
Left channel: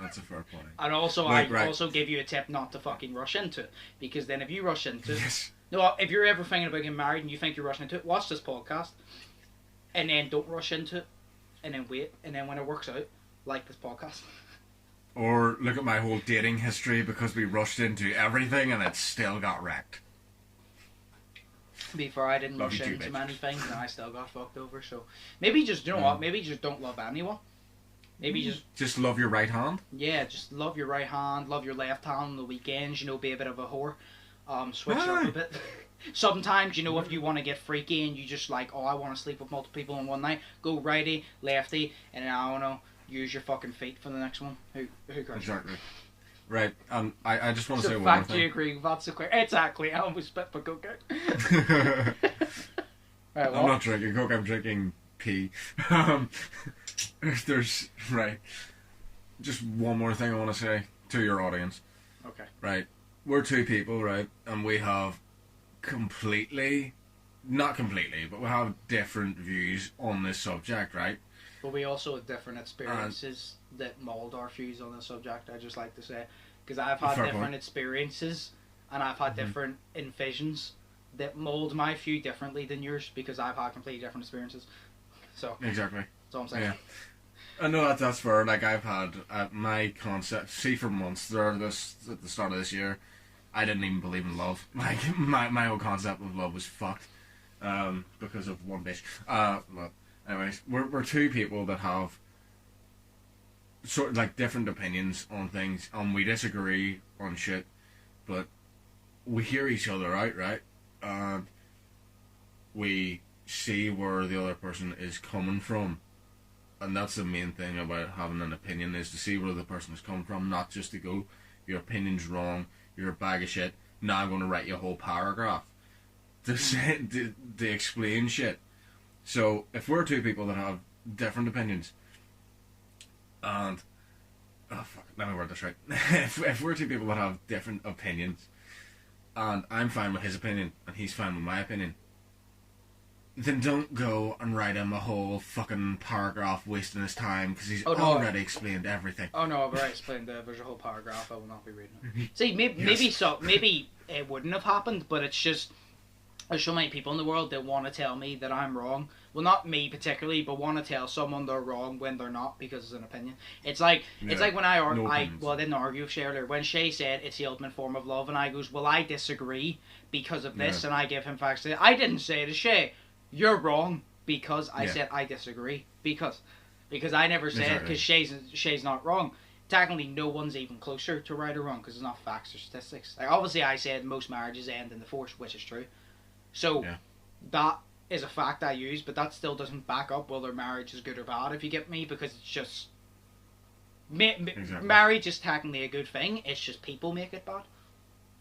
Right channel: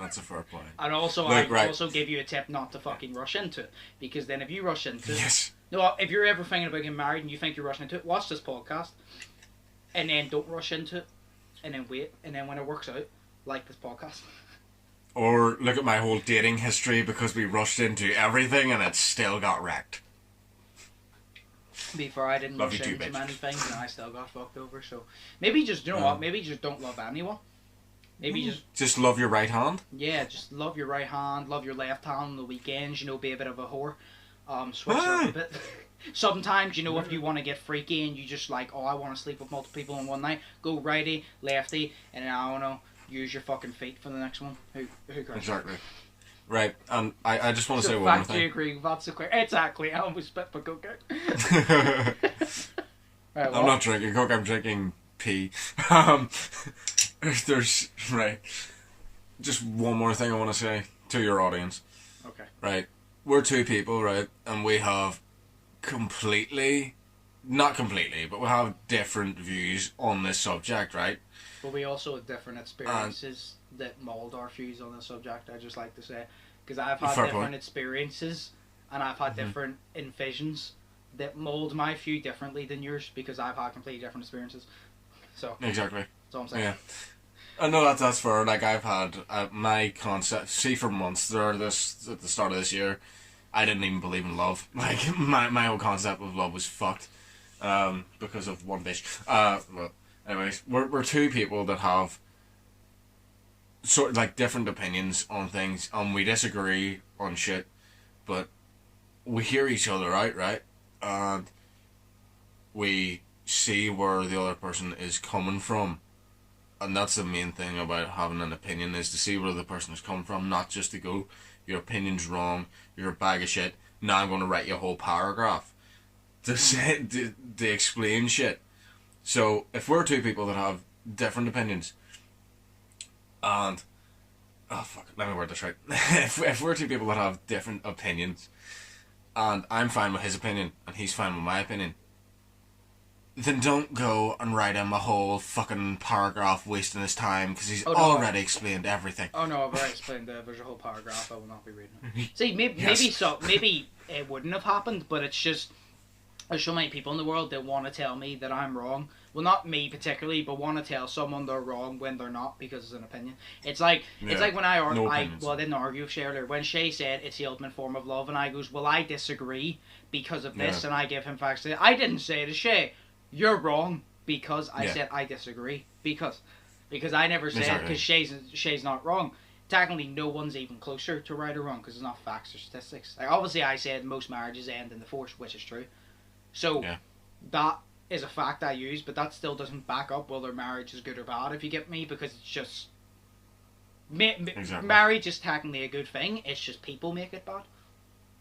That's a fair point. And also, I also give you a tip not to fucking rush into it, because then if you rush into it, no, if you're ever thinking about getting married and you think you're rushing into it, watch this podcast, and then don't rush into it, and then wait, and then when it works out, like this podcast. Or look at my whole dating history, because we rushed into everything and it still got wrecked. Before I didn't rush into many things and I still got fucked over, so maybe just, you know what, maybe just don't love anyone. Maybe just love your right hand? Yeah, just love your right hand, love your left hand on the weekends, you know, be a bit of a whore. Switch it up a bit. Sometimes, you know, if you want to get freaky and you just like, oh, I want to sleep with multiple people in one night, go righty, lefty, and then, I don't know, use your fucking feet for the next one. Who cares? Exactly. Right, I just want to say one more thing. Do you agree? That's a quick. Exactly. I almost spit my coke out. Right, I'm not drinking coke. I'm drinking pee. There's right. Just one more thing I want to say to your audience. Okay. Right, we're two people, right, and we have not completely, but we have different views on this subject, right? But we also have different experiences that mould our views on the subject, I just like to say. Because I've had different experiences, and I've had different envisions that mould my view differently than yours, because I've had completely different experiences. So exactly. That's all I'm saying. Yeah. I know that's fair. Like, I've had my concept, see, for months there, at the start of this year, I didn't even believe in love. Like, my whole concept of love was fucked because of one bitch. But anyways, we're two people that have sort of like different opinions on things, and we disagree on shit, but we hear each other out, right? And we see where the other person is coming from. And that's the main thing about having an opinion, is to see where the person is coming from, not just to go, your opinion's wrong, you're a bag of shit. Now I'm going to write you a whole paragraph to say to explain shit. So if we're two people that have different opinions, and let me word this right. if we're two people that have different opinions, and I'm fine with his opinion and he's fine with my opinion, then don't go and write him a whole fucking paragraph wasting his time because he's already explained everything. Oh no, I've already explained there's a whole paragraph. I will not be reading it. See, maybe it wouldn't have happened, but it's just there's so many people in the world that want to tell me that I'm wrong. Well, not me particularly, but want to tell someone they're wrong when they're not because it's an opinion. It's like when I didn't argue with Shay earlier. When Shay said it's the ultimate form of love, and I goes, well, I disagree because of this, and I give him facts. I didn't say to Shay, you're wrong because I said I disagree because I never said because Shay's not wrong. Technically, no one's even closer to right or wrong because it's not facts or statistics. Like obviously, I said most marriages end in divorce, which is true. So that is a fact I use, but that still doesn't back up whether marriage is good or bad. If you get me, because it's just marriage is technically a good thing. It's just people make it bad.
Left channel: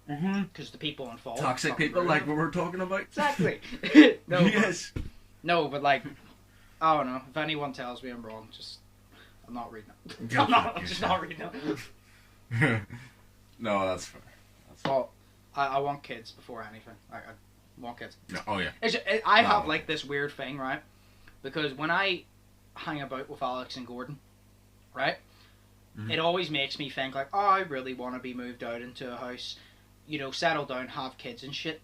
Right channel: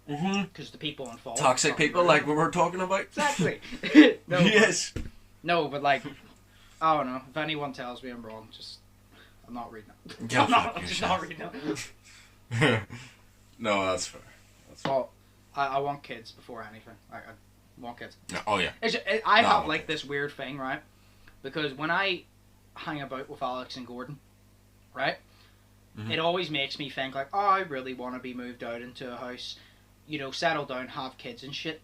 Because the people involved. Toxic people, like we were talking about. Exactly. No, but like, I don't know. If anyone tells me I'm wrong, I'm not reading it. I'm just not reading it. No, that's fair. Well, I want kids before anything. I want kids. No, oh yeah. I have like this weird thing, right? Because when I hang about with Alex and Gordon, right? It always makes me think like, oh, I really want to be moved out into a house, you know, settle down, have kids and shit.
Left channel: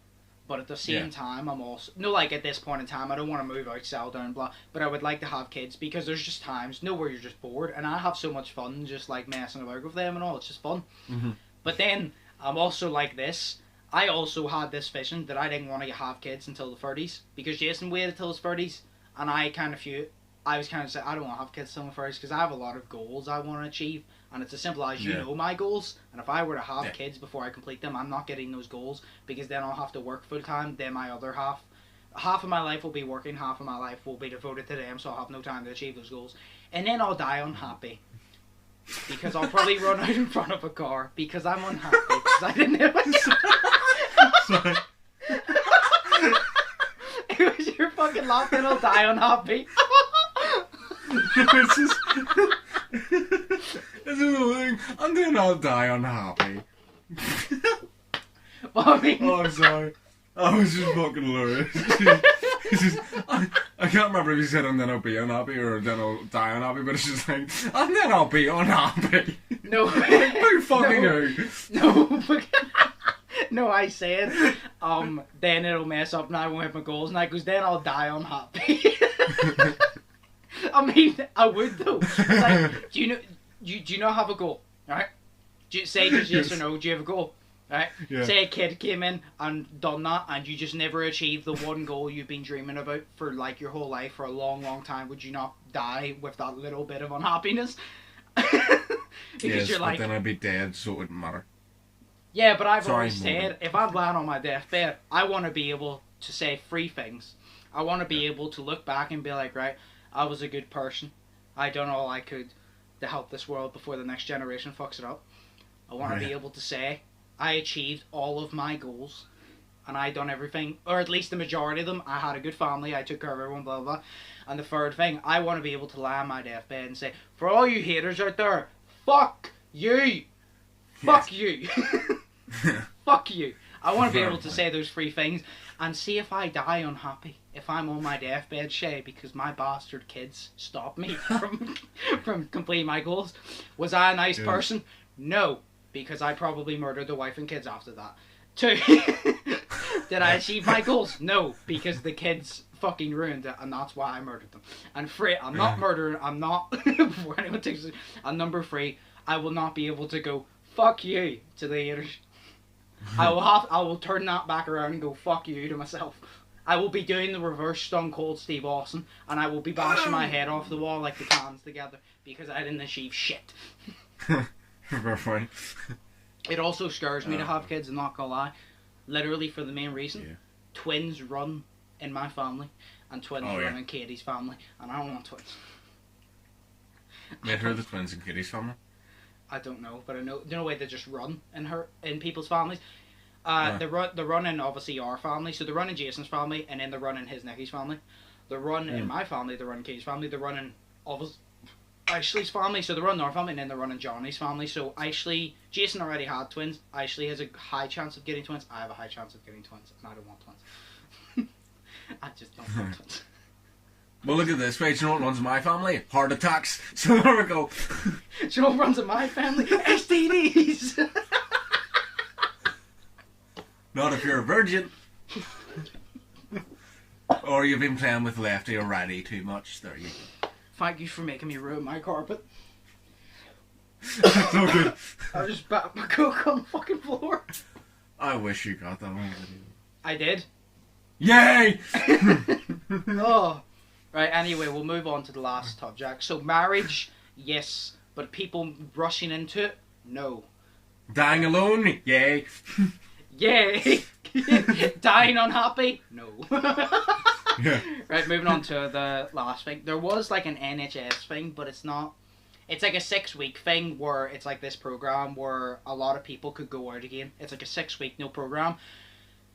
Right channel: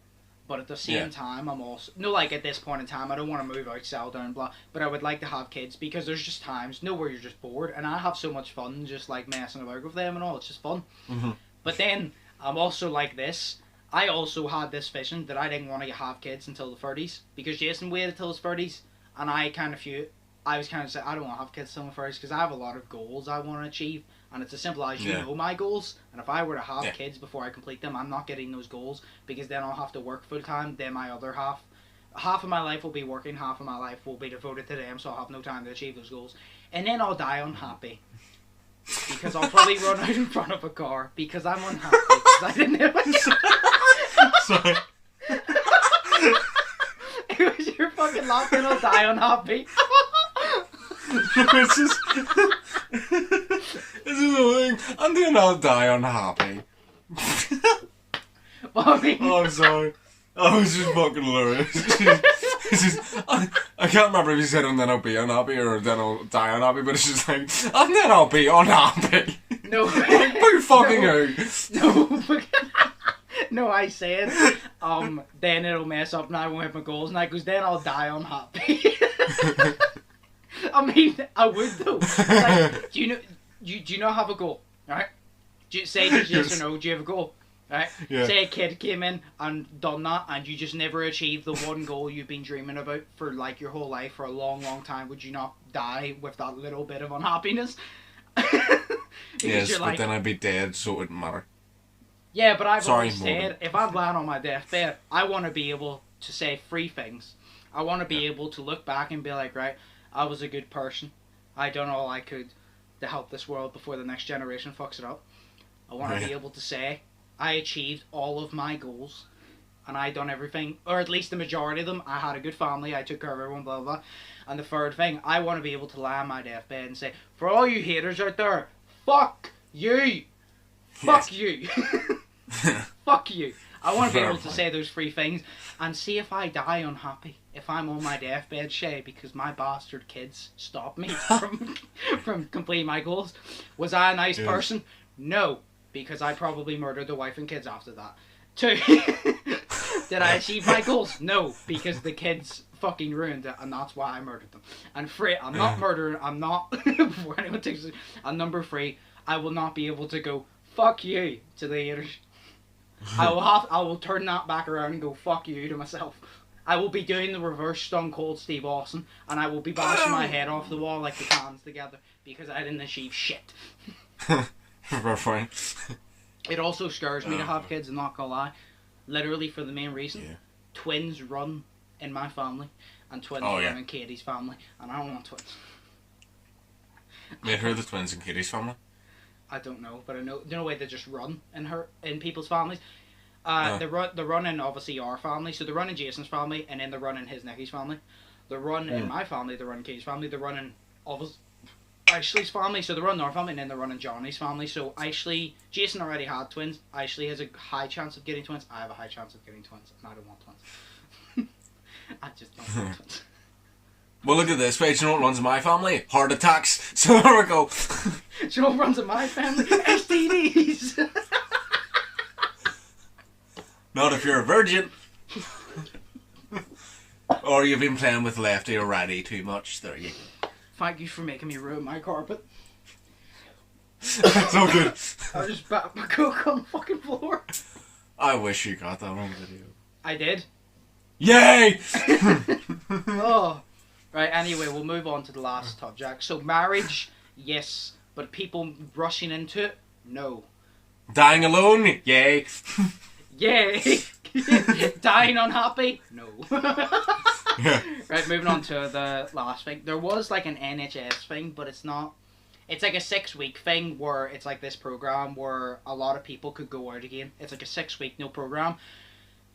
But at the same time, I'm also like at this point in time, I don't want to move out, settle down, blah. But I would like to have kids because there's just times, where you're just bored, and I have so much fun just like messing about with them and all. It's just fun. But then I'm also like this. I also had this vision that I didn't want to have kids until the 30s because Jason waited till his 30s, and I was kind of saying I don't want to have kids till my 30s because I have a lot of goals I want to achieve, and it's as simple as you know my goals, and if I were to have kids before I complete them, I'm not getting those goals because then I'll have to work full time. Then my other half of my life will be working, half of my life will be devoted to them, so I'll have no time to achieve those goals, and then I'll die unhappy. Because I'll probably run out in front of a car because I'm unhappy because I didn't have a Sorry. It was your fucking laugh and I'll die unhappy. This is the thing. And then I'll die unhappy. Well, I mean... Oh, I'm sorry. I was just fucking hilarious. I can't remember if you said and then I'll be unhappy or then I'll die unhappy, but it's just like, and then I'll be unhappy. No. Who fucking who? No, I said, then it'll mess up and I won't hit my goals, and I goes, then I'll die unhappy. I mean, I would though. Like, do you not have a goal, right? Say just yes or no, do you have a goal? Right? Yeah. Say a kid came in and done that and you just never achieved the one goal you've been dreaming about for like your whole life for a long, long time. Would you not die with that little bit of unhappiness? Because you're like, but then I'd be dead, so it wouldn't matter. Yeah, but I've always said, if I'm lying on my deathbed, I want to be able to say 3 things. I want to be able to look back and be like, right, I was a good person. I done all I could to help this world before the next generation fucks it up. I want to be able to say, I achieved all of my goals, and I done everything, or at least the majority of them. I had a good family, I took care of everyone, blah, blah, blah. And the third thing, I want to be able to lie on my deathbed and say, for all you haters out there, fuck you! Fuck you! Fuck you! I want to be able to say those 3 things, and see if I die unhappy, if I'm on my deathbed, Shay, because my bastard kids stopped me from completing my goals. Was I a nice person? No. Because I probably murdered the wife and kids after that. 2, did I achieve my goals? No, because the kids fucking ruined it, and that's why I murdered them. And 3, I'm not murdering, I'm not, before anyone takes it, and number 3, I will not be able to go, fuck you, to the haters. I will turn that back around and go, fuck you, to myself. I will be doing the reverse Stone Cold Steve Austin, and I will be bashing my head off the wall like the cans together, because I didn't achieve shit. It also scares me to have kids, I'm not gonna lie. Literally for the main reason. Twins run in my family, and twins run in Katie's family, and I don't want twins. Wait, who are the twins in Katie's family? I don't know, but I know the way they just run in people's families. They run in obviously our family, so they run in Jason's family, and then they run in his Nicky's family. They run in my family, they run in Katie's family, they run in obviously Ashley's family, so they run in our family, and then they run in Johnny's family. So Jason already had twins. Ashley has a high chance of getting twins. I have a high chance of getting twins, and I don't want twins. I just don't want twins. Well, look at this, right? Do you know what runs in my family? Heart attacks. So there we go. Do you know what runs in my family? STDs. Not if you're a virgin. Or you've been playing with lefty or righty too much. There you go. Thank you for making me ruin my carpet. So good. I just bat my coke on the fucking floor. I wish you got that on video. I did. Yay! Oh. Right, anyway, we'll move on to the last subject. So marriage, yes. But people rushing into it, no. Dying alone? Yay. Yay! Dying unhappy? No. Right, moving on to the last thing. There was like an NHS thing, but it's not. It's like a 6-week thing where it's like this program where a lot of people could go out again. It's like a 6-week program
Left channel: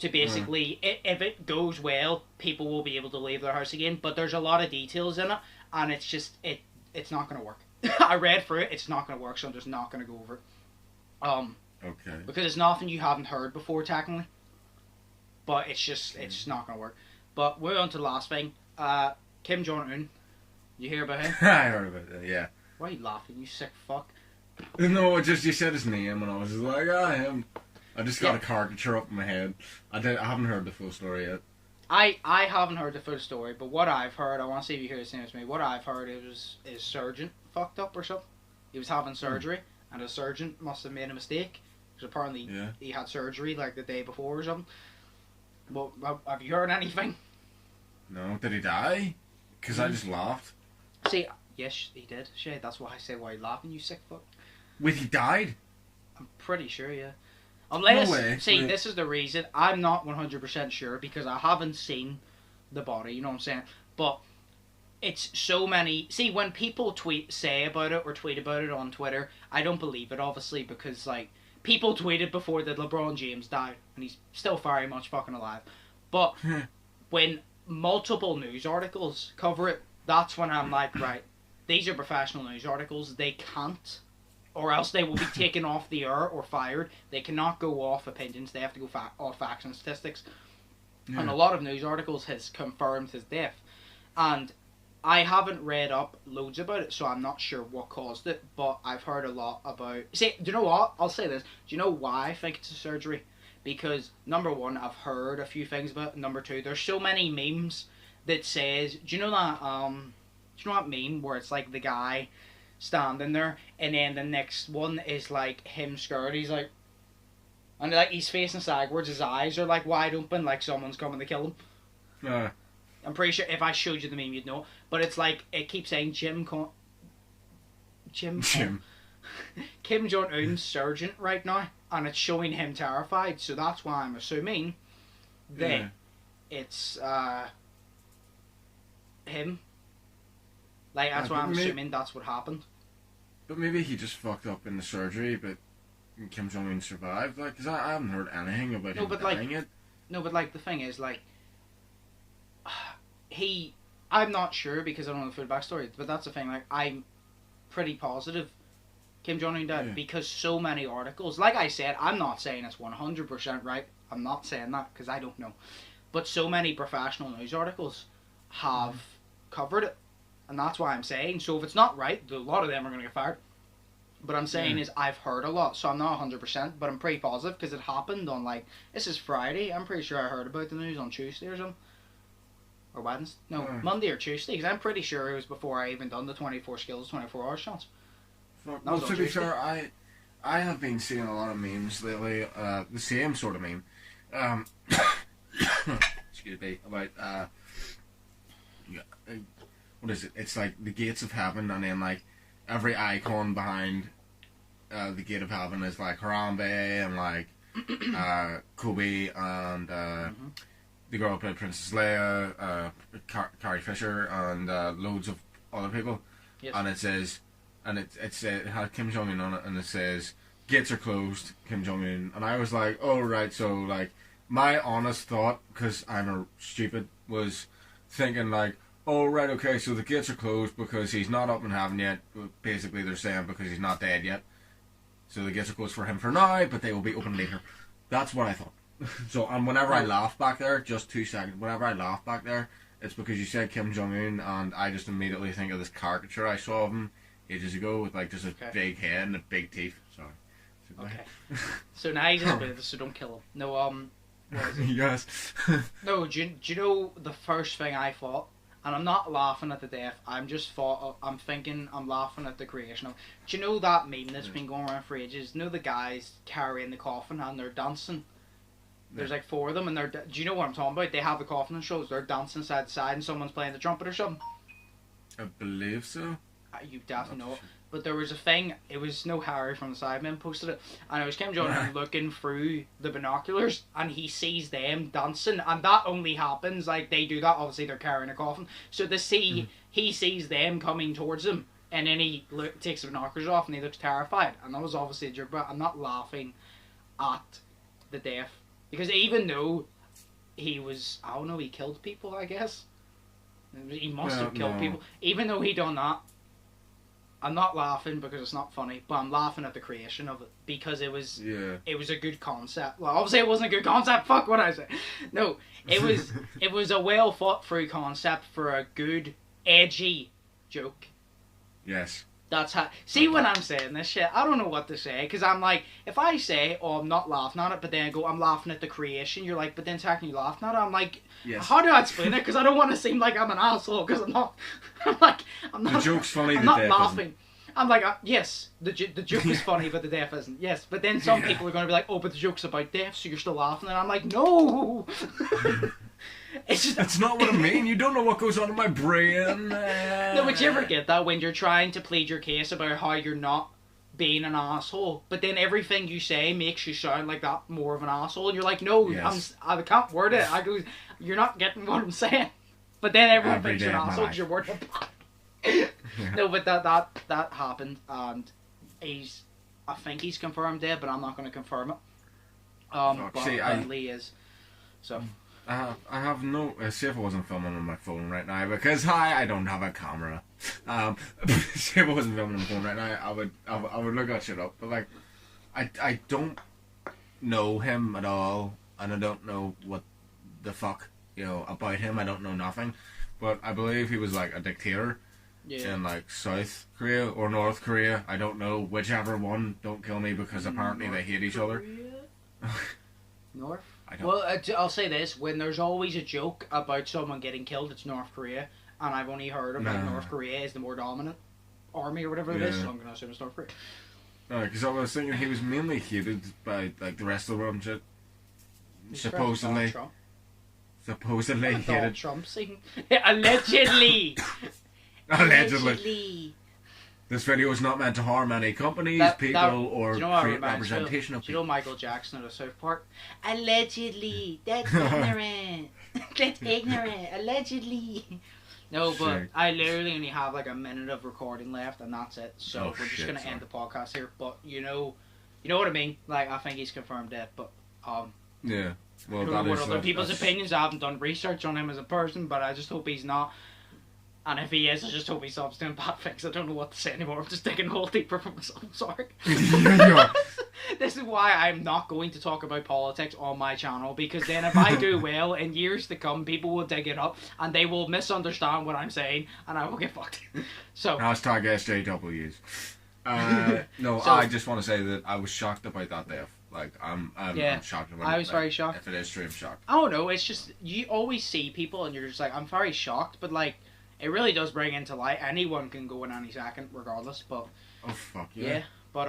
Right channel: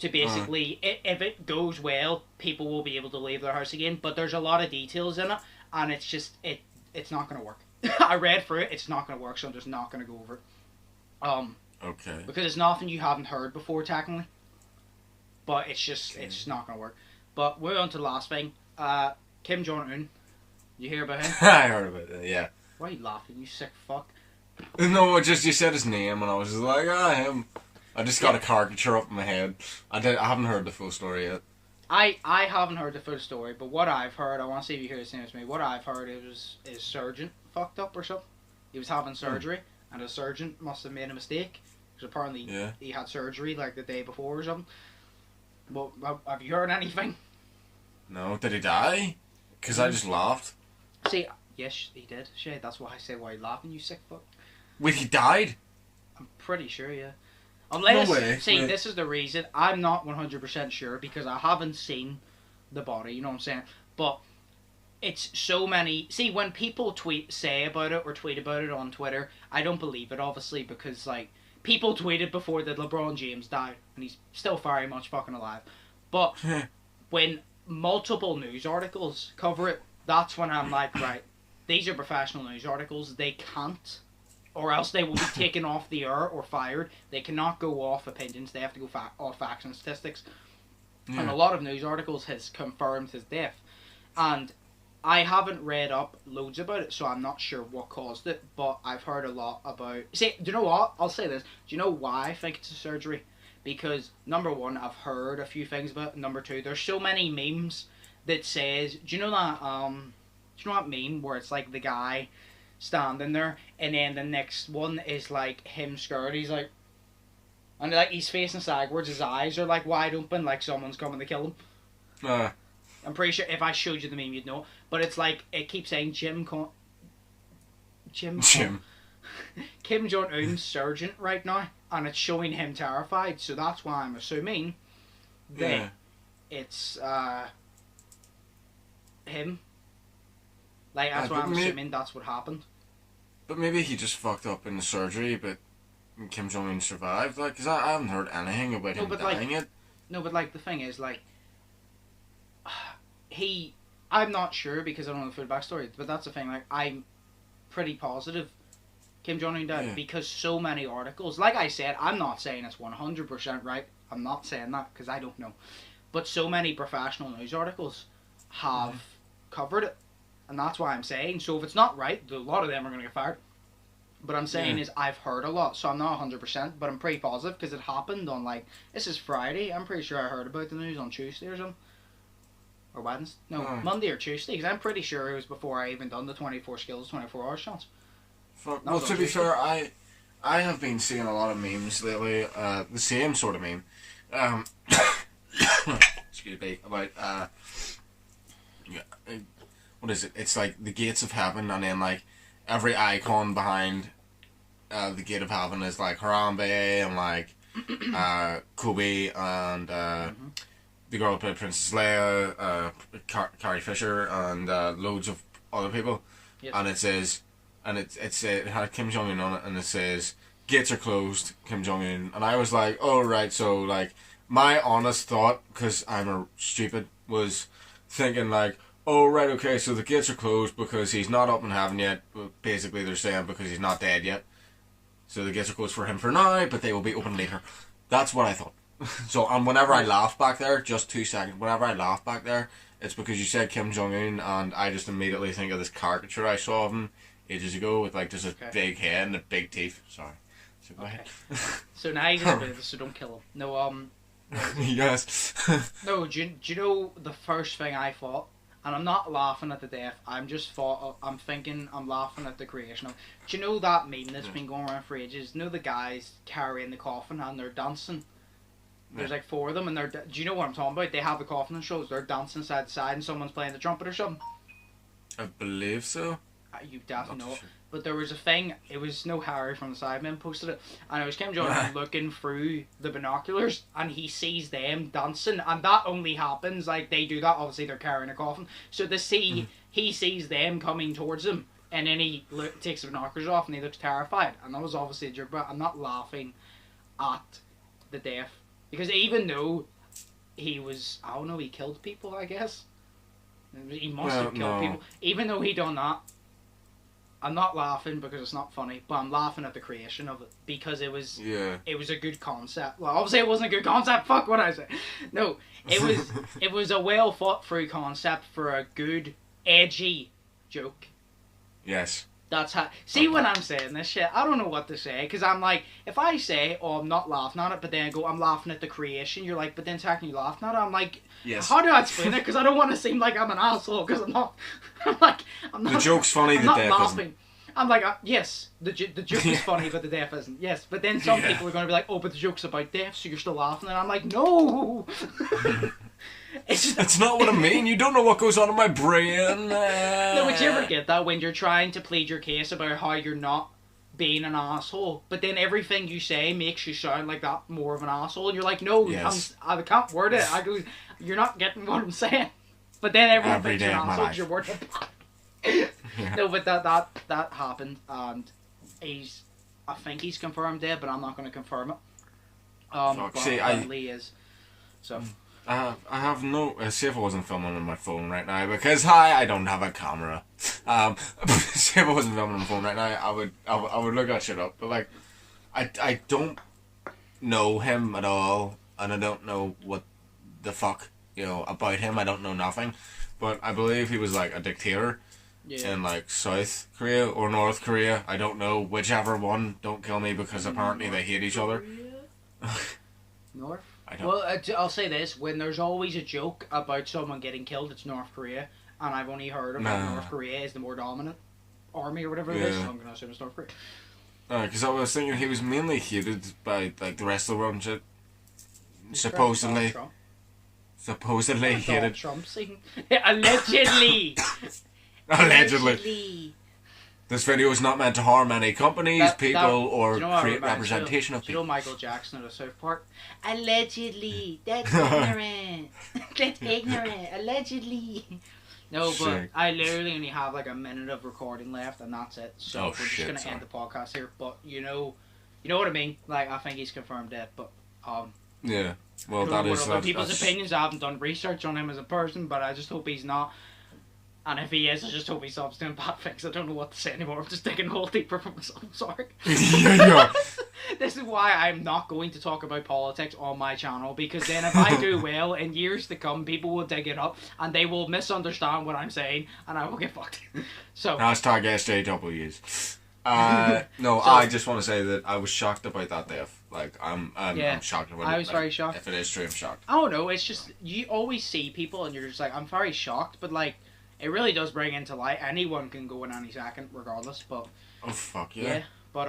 to basically, if it goes well, people will be able to leave their house again. But there's a lot of details in it, and it's just it's not going to work. I read through it. It's not going to work, so I'm just not going to go over it. Okay. Because it's nothing you haven't heard before, technically. But it's just, it's not going to work. But we're on to the last thing. Kim Jong-un. You hear about him? I heard about it, yeah. Why are you laughing, you sick fuck? No, just you said his name and I was just like, him. I just got a caricature up in my head. I haven't heard the full story yet. I haven't heard the full story, but what I've heard, I want to see if you hear the same as me. What I've heard is his surgeon fucked up or something. He was having surgery, and the surgeon must have made a mistake. Because apparently he had surgery like the day before or something. Well, have you heard anything? No, did he die? Because I just laughed. See, yes, he did. Shit, that's why I say why are you laughing, you sick fuck. Wait, he died? I'm pretty sure, yeah. Unless, no way. See, this is the reason. I'm not 100% sure because I haven't seen the body, you know what I'm saying? But it's so many... See, when people say about it or tweet about it on Twitter, I don't believe it, obviously, because, like, people tweeted before that LeBron James died, and he's still very much fucking alive. But when multiple news articles cover it, that's when I'm like, right, these are professional news articles. They can't, or else they will be taken off the air or fired. They cannot go off opinions. They have to go off facts and statistics. Yeah. And a lot of news articles has confirmed his death. And I haven't read up loads about it, so I'm not sure what caused it, but I've heard a lot about... See, do you know what? I'll say this. Do you know why I think it's a surgery? Because, number one, I've heard a few things about it. Number two, there's so many memes that says... Do you know that meme where it's like the guy standing there, and then the next one is like him scared. He's like... And like he's facing sideways, his eyes are like wide open, like someone's coming to kill him. I'm pretty sure if I showed you the meme, you'd know. But it's like, it keeps saying Kim Jong-un's surgeon right now. And it's showing him terrified. So that's why I'm assuming that it's him. Like, that's why I'm assuming that's what happened. But maybe he just fucked up in the surgery, but Kim Jong-un survived. Like, because I haven't heard anything about him dying yet. No, but like, the thing is, like, I'm not sure because I don't know the full backstory, but that's the thing, like, I'm pretty positive Kim Jong-un died because so many articles, like I said, I'm not saying it's 100% right, I'm not saying that because I don't know, but so many professional news articles have covered it, and that's why I'm saying, so if it's not right, a lot of them are going to get fired, but I'm saying is I've heard a lot, so I'm not 100%, but I'm pretty positive because it happened on, like, this is Friday, I'm pretty sure I heard about the news on Tuesday or something. Or Wednesday? No, Monday or Tuesday, because I'm pretty sure it was before I even done the 24 skills, 24 hours challenge. Well, to be fair, I have been seeing a lot of memes lately, the same sort of meme, excuse me, about, what is it? It's like the gates of heaven, and then like every icon behind the gate of heaven is like Harambe and like Kobe and the girl who played Princess Leia, Carrie Fisher, and loads of other people. Yes. And it says, and it had Kim Jong Un on it, and it says gates are closed, Kim Jong Un, and I was like, oh right, so like my honest thought, because I'm a stupid, was thinking like, oh right, okay, so the gates are closed because he's not up in heaven yet. Basically, they're saying because he's not dead yet. So the gates are closed for him for now, but they will be open later. That's what I thought. So, and whenever I laughed back there, just 2 seconds, whenever I laughed back there, it's because you said Kim Jong-un, and I just immediately think of this caricature I saw of him ages ago with like just a big head and a big teeth. Sorry. So okay. So now he's a bit, so don't kill him. No, yes. No, do you know the first thing I thought? And I'm not laughing at the death. I'm thinking I'm laughing at the creation of. Do you know that meme that's been going around for ages? You know the guys carrying the coffin and they're dancing. There's like 4 of them, and do you know what I'm talking about? They have the coffin and shows. They're dancing side to side, and someone's playing the trumpet or something. I believe so. You definitely know it. But there was a thing. It was no Harry from the Sidemen posted it, and it was Kim Jong-un looking through the binoculars, and he sees them dancing, and that only happens like they do that. Obviously, they're carrying a coffin, so he sees them coming towards him, and then he takes the binoculars off, and he looks terrified. And that was obviously a joke, but I'm not laughing at the death because even though he was, I don't know, he killed people. I guess he must have killed people. Even though he done that. I'm not laughing because it's not funny, but I'm laughing at the creation of it because it was a good concept. Well, obviously it wasn't a good concept. Fuck what I say. No, it was a well thought through concept for a good edgy joke. Yes. That's how. See, when I'm saying this shit, I don't know what to say because I'm like, if I say, "Oh, I'm not laughing at it," but then I go, "I'm laughing at the creation," you're like, "But then technically you laughing at it." I'm like, how do I explain it? Because I don't want to seem like I'm an asshole. Because I'm not. I'm not. The joke's funny. I'm not laughing. I'm like, yes, the joke is funny, but the death isn't. Yes, but then some people are going to be like, "Oh, but the joke's about death, so you're still laughing," and I'm like, no. It's not what I mean. You don't know what goes on in my brain. No, would you ever get that when you're trying to plead your case about how you're not being an asshole, but then everything you say makes you sound like that more of an asshole, and you're like, no, I can't word it. I go, you're not getting what I'm saying. But then everyone thinks you're an asshole because you're wording it. No, but that happened, and I think he's confirmed dead, but I'm not going to confirm it. But apparently he is. So. I have no. See if I wasn't filming on my phone right now because I don't have a camera. See if I wasn't filming on my phone right now, I would look that shit up. But like, I don't know him at all, and I don't know what the fuck about him. I don't know nothing, but I believe he was like a dictator in like South Korea or North Korea. I don't know whichever one. Don't kill me because apparently they hate each other. North. Well, I'll say this: when there's always a joke about someone getting killed, it's North Korea, and I've only heard about North Korea is the more dominant army or whatever it is, so I'm gonna assume it's North Korea. Because I was thinking he was mainly hated by like the rest of the world. Supposedly hated. Trump saying allegedly. Allegedly. This video is not meant to harm any companies, people, or create representation of people. Do you know Michael Jackson at a South Park? Allegedly. That's ignorant. That's ignorant. Allegedly. No, but I literally only have like a minute of recording left, and that's it. So we're just going to end the podcast here. But you know what I mean? Like, I think he's confirmed dead, but yeah. Well, I don't know what other people's opinions. I haven't done research on him as a person, but I just hope he's not. And if he is, I just hope he stops doing bad things. I don't know what to say anymore. I'm just digging a hole deeper for myself. I'm sorry. This is why I'm not going to talk about politics on my channel, because then if I do well, in years to come, people will dig it up and they will misunderstand what I'm saying, and I will get fucked. So hashtag SJWs. No, so, I just want to say that I was shocked about that death. Like, I'm shocked about it. I was very shocked. If it is true, I'm shocked. I don't know. It's just, you always see people and you're just like, I'm very shocked, but like, it really does bring into light. Anyone can go in any second, regardless. But oh fuck yeah. But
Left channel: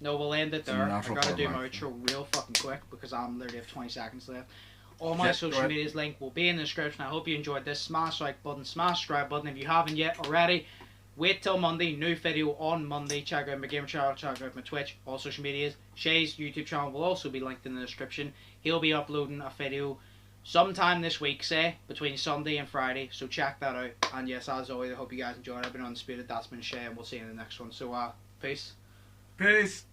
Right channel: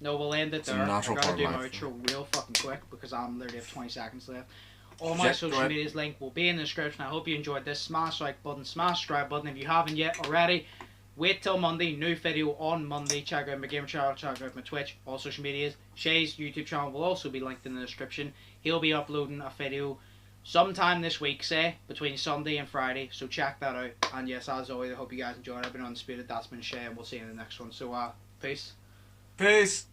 no, we'll end it there. I gotta do my outro real fucking quick because I'm literally have 20 seconds left. All my social medias link will be in the description. I hope you enjoyed this. Smash like button, smash subscribe button if you haven't yet already. Wait till Monday. New video on Monday. Check out my gamer channel. Check out my Twitch. All social medias. Shay's YouTube channel will also be linked in the description. He'll be uploading a video sometime this week, say, between Sunday and Friday. So check that out. And yes, as always, I hope you guys enjoyed. I've been Undisputed. That's been Shay, and we'll see you in the next one. So, peace. Peace.